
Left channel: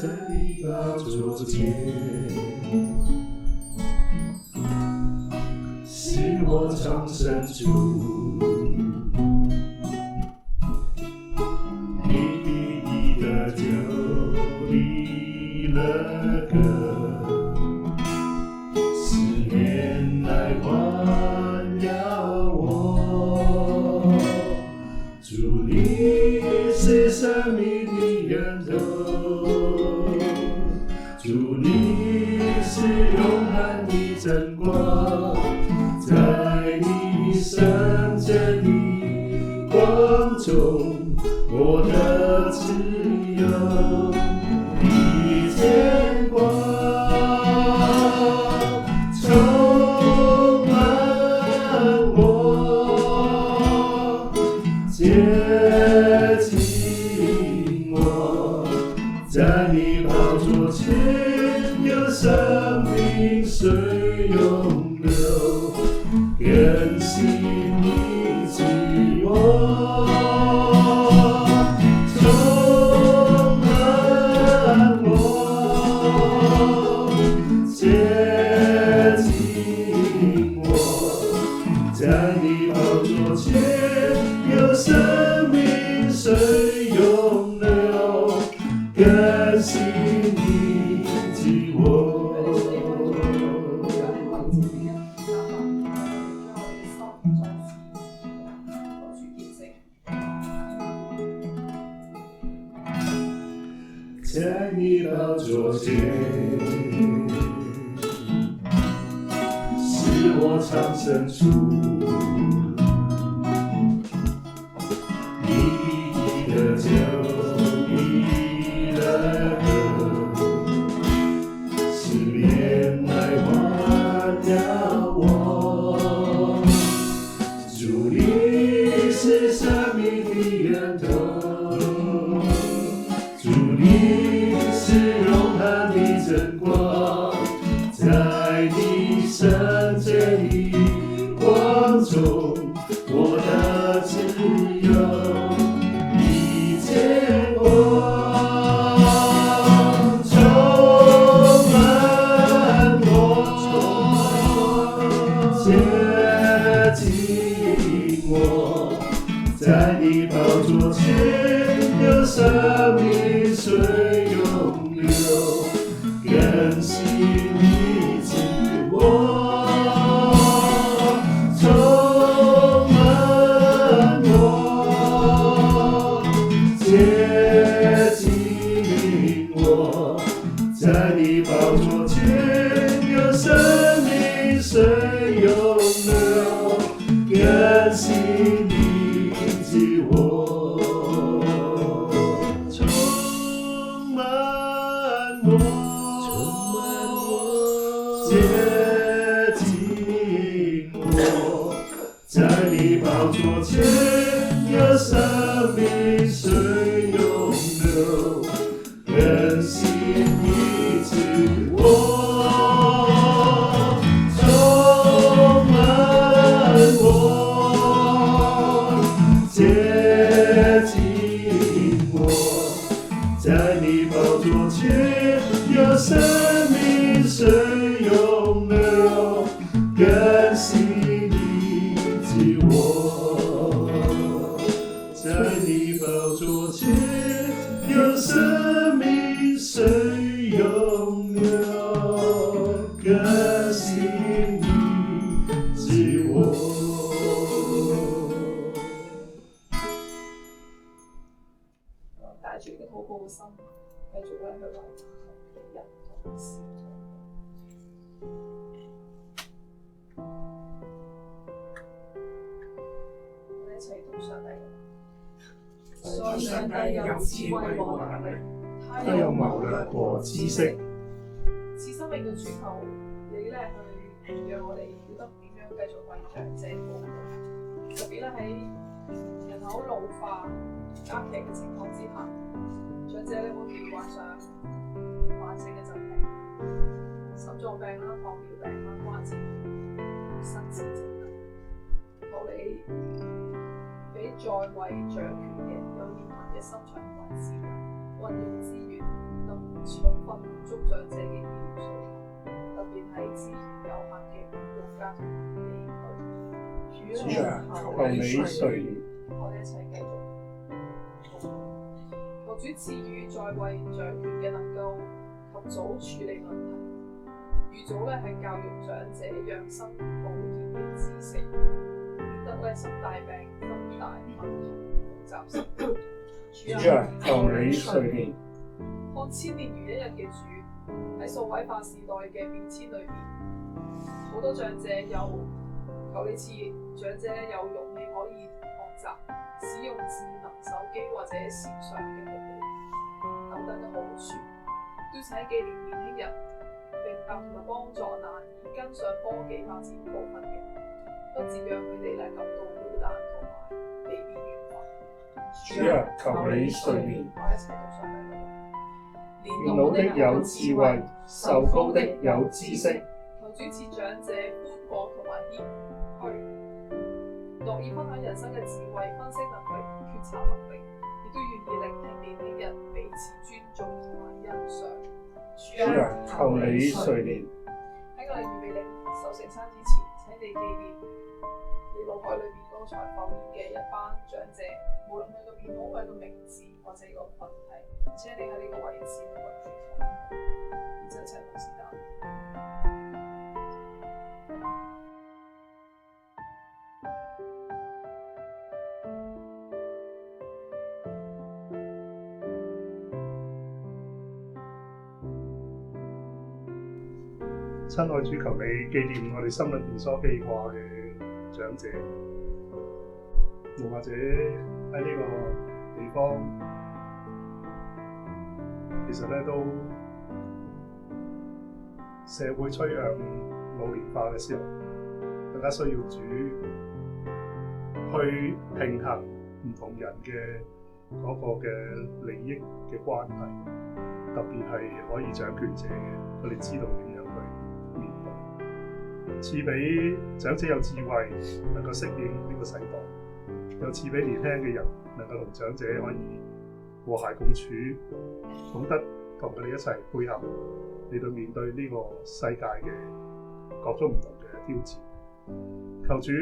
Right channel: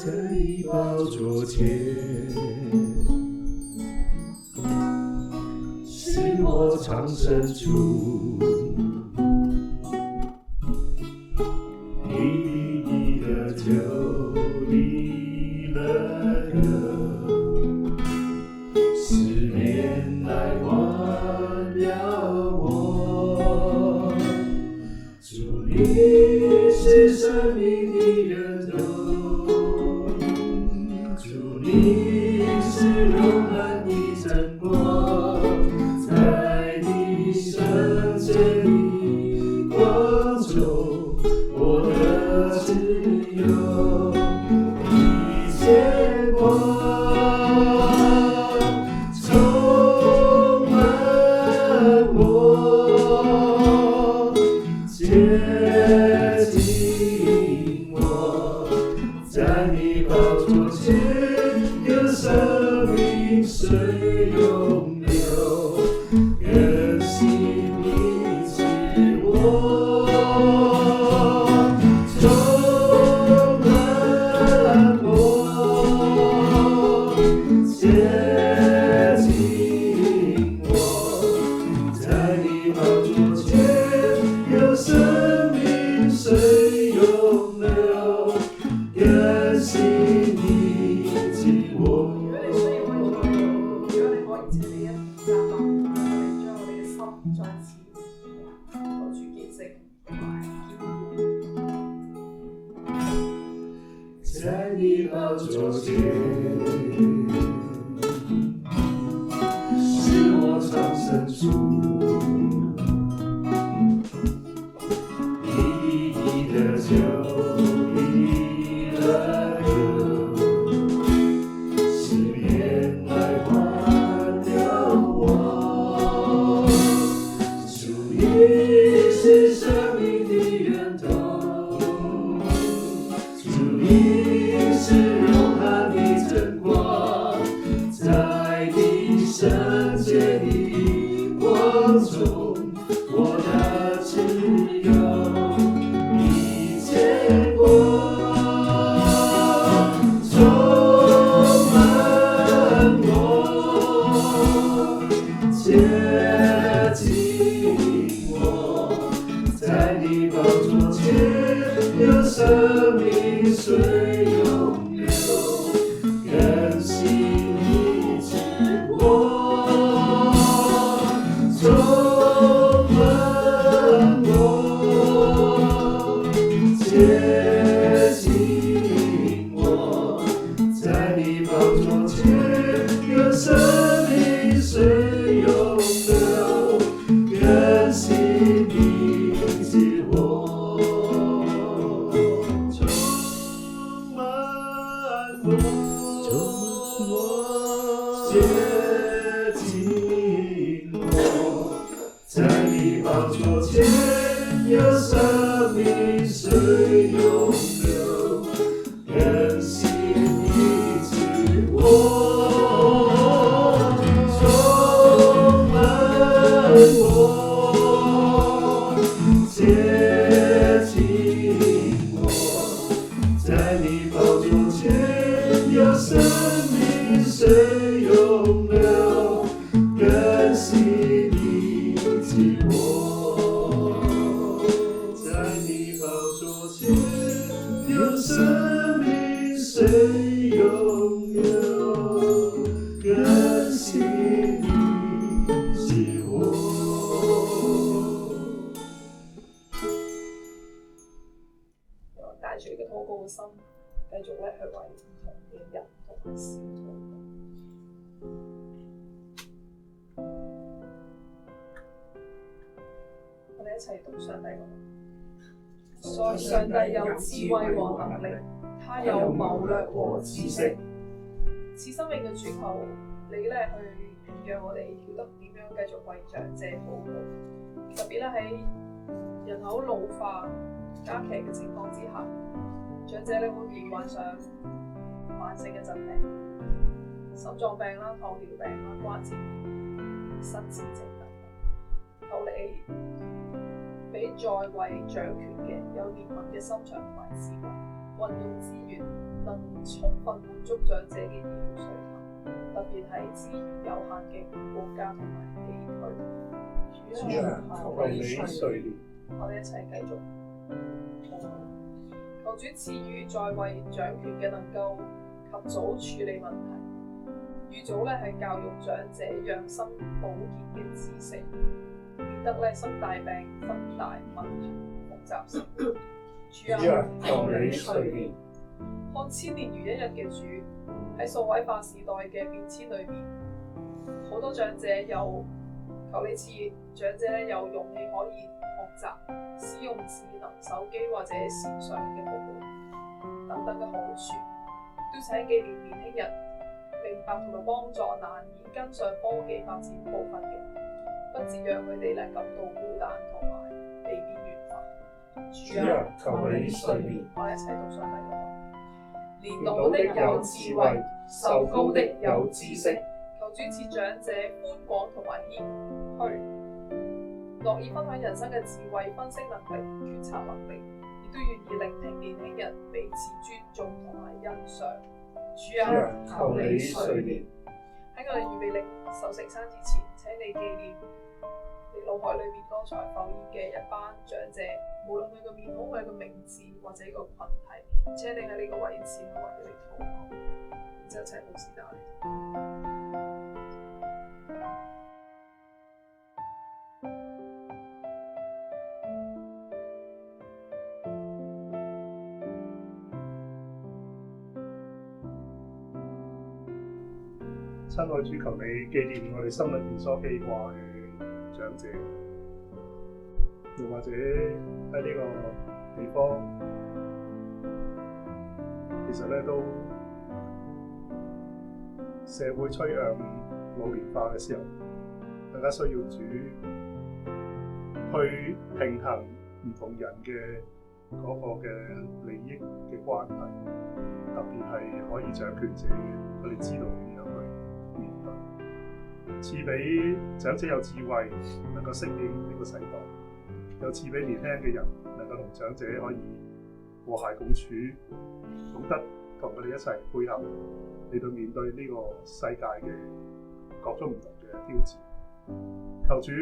在你寶座前，心我藏深處，你的義的救離了歌，思念來環繞我，主你是生命的源頭，主你是永恆的真光，在你聖潔的光中，我的自由，你見光充滿我，接近我，在你寶座前有生命水湧流，更新你自我，充滿我，接近我，在你寶座前有生命水湧流，更新你自我。在你寶座前，是我藏深處，你的救離了歌，思念來環繞我，主你是生命的源頭，主你是永恆的真光，在你聖潔的光中，我的自由，你見光充滿我，接近我，在你寶座前有生命水湧流，更新你自我，充滿我，接近我，在你寶座前有生命水湧流，更新你自我，充滿我，接近我，在你寶座前有生命水湧流，更新你自我，充滿我，接近我，在你寶座前有生命水湧流，更新你自我，在你寶座前有生命水湧流，更新你自我。咧去為唔同嘅人同埋事禱告。我哋一齊讀上帝嘅話。上帝有智慧和能力，他有謀略和知識。賜生命嘅主求你咧去讓我哋曉得點樣繼續為長者禱告，特別咧喺人口老化加劇嘅情況之下，長者咧會患上慢性嘅疾病，心臟病啦、糖尿病啦、關節炎、失智症等。求你俾在位掌權嘅有憐憫嘅心腸同埋智慧，運用資源能充分滿足長者嘅醫療需求，特別係資源有限嘅國家同埋地區。主啊，求你垂憐。我哋一齊繼續禱告，求主賜予在位掌權嘅能夠及早處理問題，預早係教育長者養生保健嘅知識，免得生大病、生大問題、複雜生活。主啊，求你垂憐。看千年如一日嘅主，喺數位化時代嘅變遷裏面，好多長者有求你賜長者有勇氣可以學習使用智能手機或者線上嘅服務等等嘅好處，都請紀念年輕人明白同埋幫助難以跟上科技發展步伐嘅，不致讓佢哋感到孤單同埋被邊緣化。主啊，求你垂憐。我哋一齊讀上帝嘅話。年老的有智慧，壽高的有知識。求主賜長者寬廣同埋謙虛，樂意分享人生嘅智慧、分析能力、決策能力，亦都願意聆聽年輕人彼此尊重同埋欣賞。主啊，求你垂憐。喺我哋預備領受聖餐之前，請你紀念你腦海裏面剛才浮現嘅一班長者，無論佢個面孔、佢個名字或者個群體，請你喺呢個位置去為佢哋禱告，然之後請牧師打理。親愛主，求你紀念我哋心裏邊所記掛嘅長者，又或者喺呢個地方，其實咧都社會趨向老年化嘅時候，更加需要主去平衡唔同人嘅嗰個嘅利益嘅關係，特別係可以掌權者嘅，佢哋知道點樣去面對，賜俾長者有智慧，能夠適應呢個世代，又賜俾年輕嘅人能夠同長者可以和諧共處，懂得同佢哋一齊配合嚟到面對呢個世界嘅各種唔同嘅挑戰。求主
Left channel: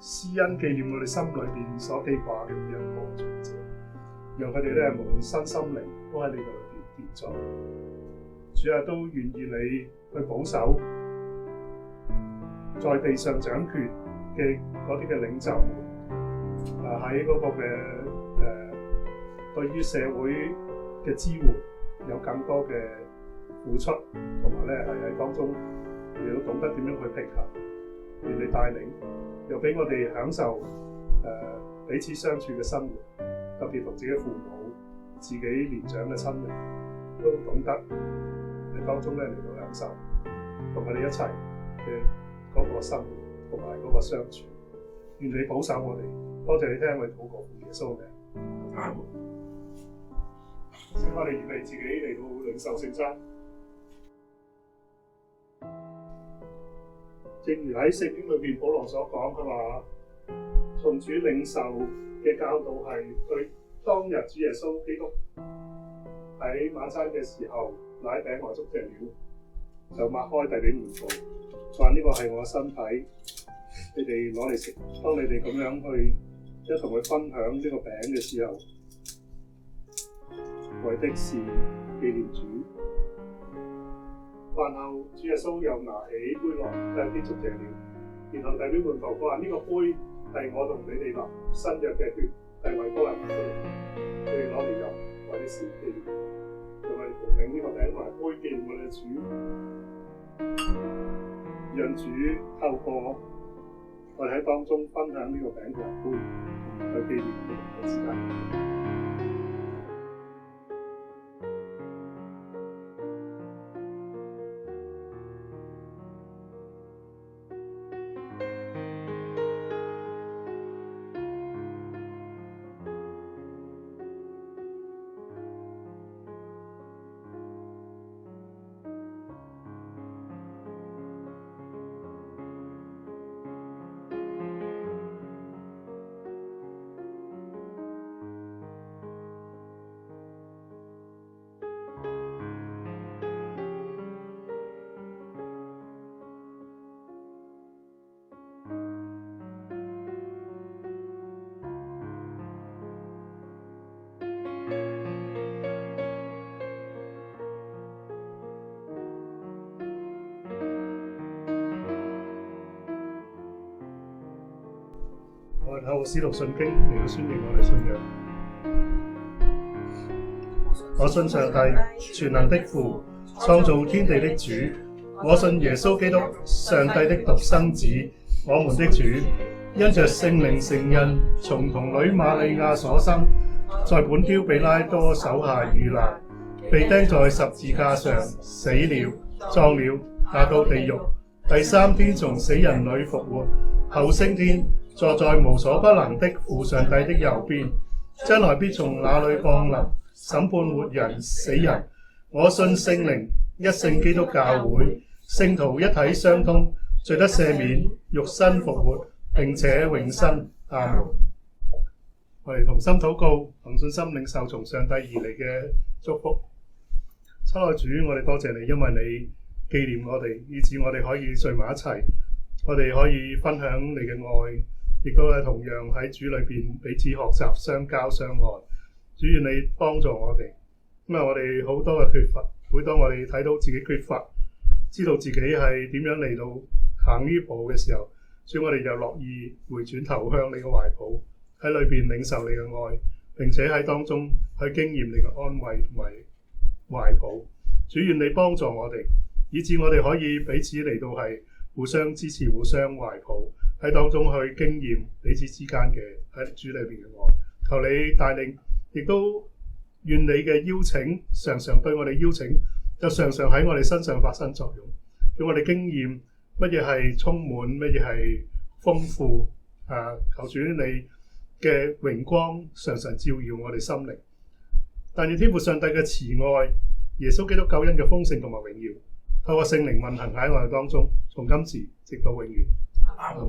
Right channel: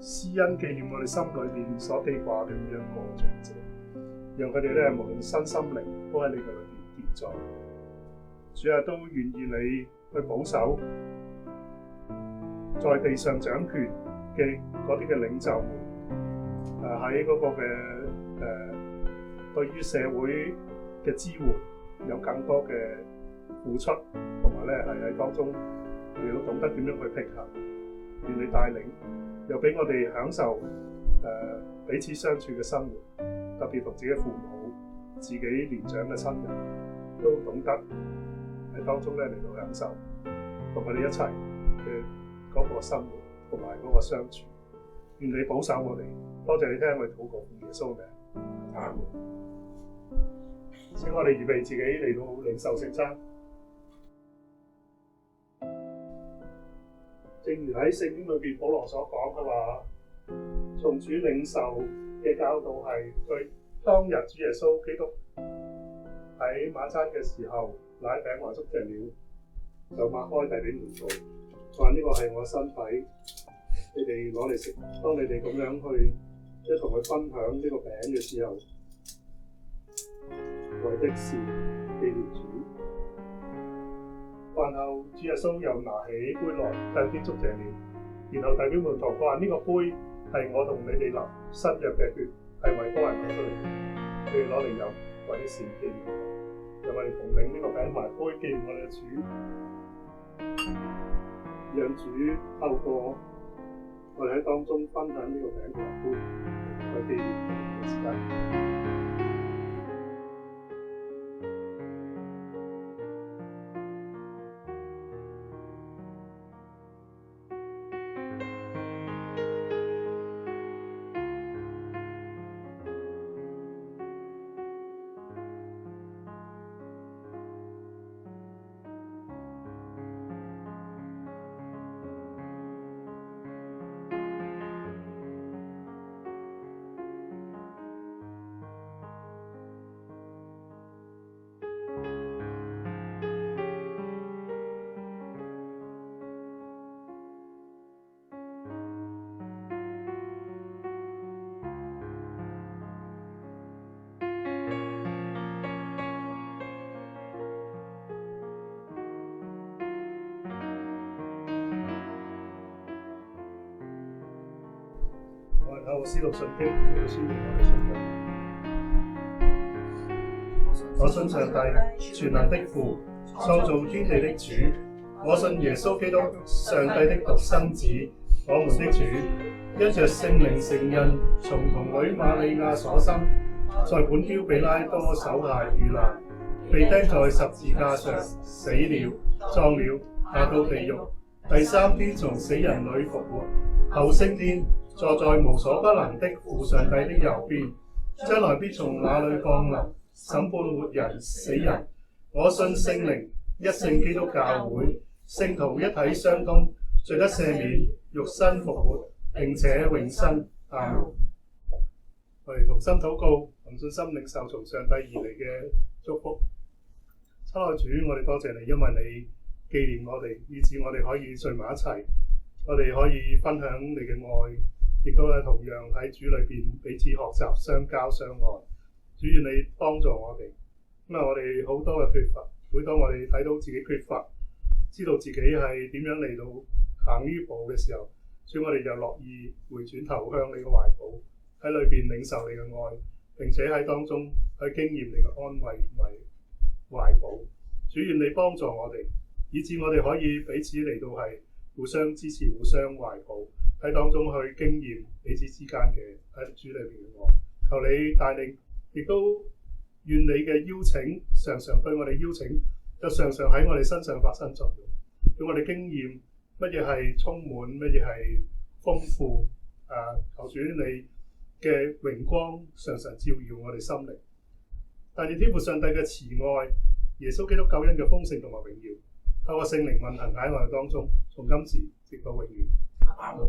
施恩紀念我哋心裏邊所記掛嘅每一個長者，讓佢哋咧無論身心靈都喺你嘅裏邊健壯。主啊，都願意你去保守在地上掌權嘅嗰啲嘅領袖們，喺嗰個嘅對於社會嘅支援有更多嘅付出，同埋咧係喺當中你要懂得點樣去平衡。願你帶領，又俾我哋享受彼此相處嘅生活，特別同自己父母、自己年長嘅親人，都懂得喺當中咧嚟到享受，同佢哋一齊嘅嗰個生活同埋嗰個相處。願你保守我哋，多謝你聽我哋禱告，奉耶穌名。阿門。請我哋預備自己嚟到領受聖餐。正如喺聖經裏邊保羅所講，佢話從主領受嘅教導係對當日主耶穌基督喺晚餐嘅時候，拿餅和祝謝了，就擘開遞俾門徒，話呢個係我嘅身體，你哋攞嚟食。當你哋咁樣去一同去分享呢個餅嘅時候，為的是紀念主。飯後，主耶穌又拿起杯來，向天祝謝了，然後遞俾門徒，佢話呢個杯係我同你哋立新約嘅血，係為多人流出嚟嘅，你哋攞嚟飲，為的是紀念我。讓我哋哋同領呢個餅同埋杯，紀念我哋嘅主，讓主透過我哋喺當中分享呢個餅同埋杯，去紀念我哋嘅時間。我哋透過《使徒信經》嚟到宣明我哋信仰。我信上帝，全能的父，創造天地的主。我信耶穌基督，上帝的獨生子，我們的主，因着聖靈成人，從童女瑪利亞所生，在本丟彼拉多手下遇難，被釘在十字架上，死了，葬了，下到地獄，第三天從死人裏復活，後升天，坐在無所不能的父上帝的右邊，將來必從那裏降臨，審判活人死人。我信聖靈，一聖基督教會，聖徒一體相通，罪得赦免，肉身復活，並且永生。阿門。我哋同心禱告，同信心領受從上帝而嚟嘅祝福。親愛主，我哋多謝你，因為你紀念我哋，以致我哋可以聚埋一齊，我哋可以分享你嘅愛。亦都係同樣喺主裏邊彼此學習、相交、相愛。主願你幫助我哋，因為我哋好多嘅缺乏，每當我哋睇到自己缺乏，知道自己係點樣嚟到行呢步嘅時候，所以我哋就樂意回轉頭向你嘅懷抱，喺裏邊領受你嘅愛，並且喺當中去經驗你嘅安慰同埋懷抱。主願你幫助我哋，以致我哋可以彼此嚟到係互相支持、互相懷抱。喺當中去經驗彼此之間嘅喺主裏邊嘅愛，求你帶領，亦都願你嘅邀請常常對我哋邀請，就常常喺我哋身上發生作用，叫我哋經驗乜嘢係充滿，乜嘢係豐富。求主你嘅榮光常常照耀我哋心靈，但願天父上帝嘅慈愛、耶穌基督救恩嘅豐盛同埋榮耀，透過聖靈運行喺我哋當中，從今時直到永遠。阿門。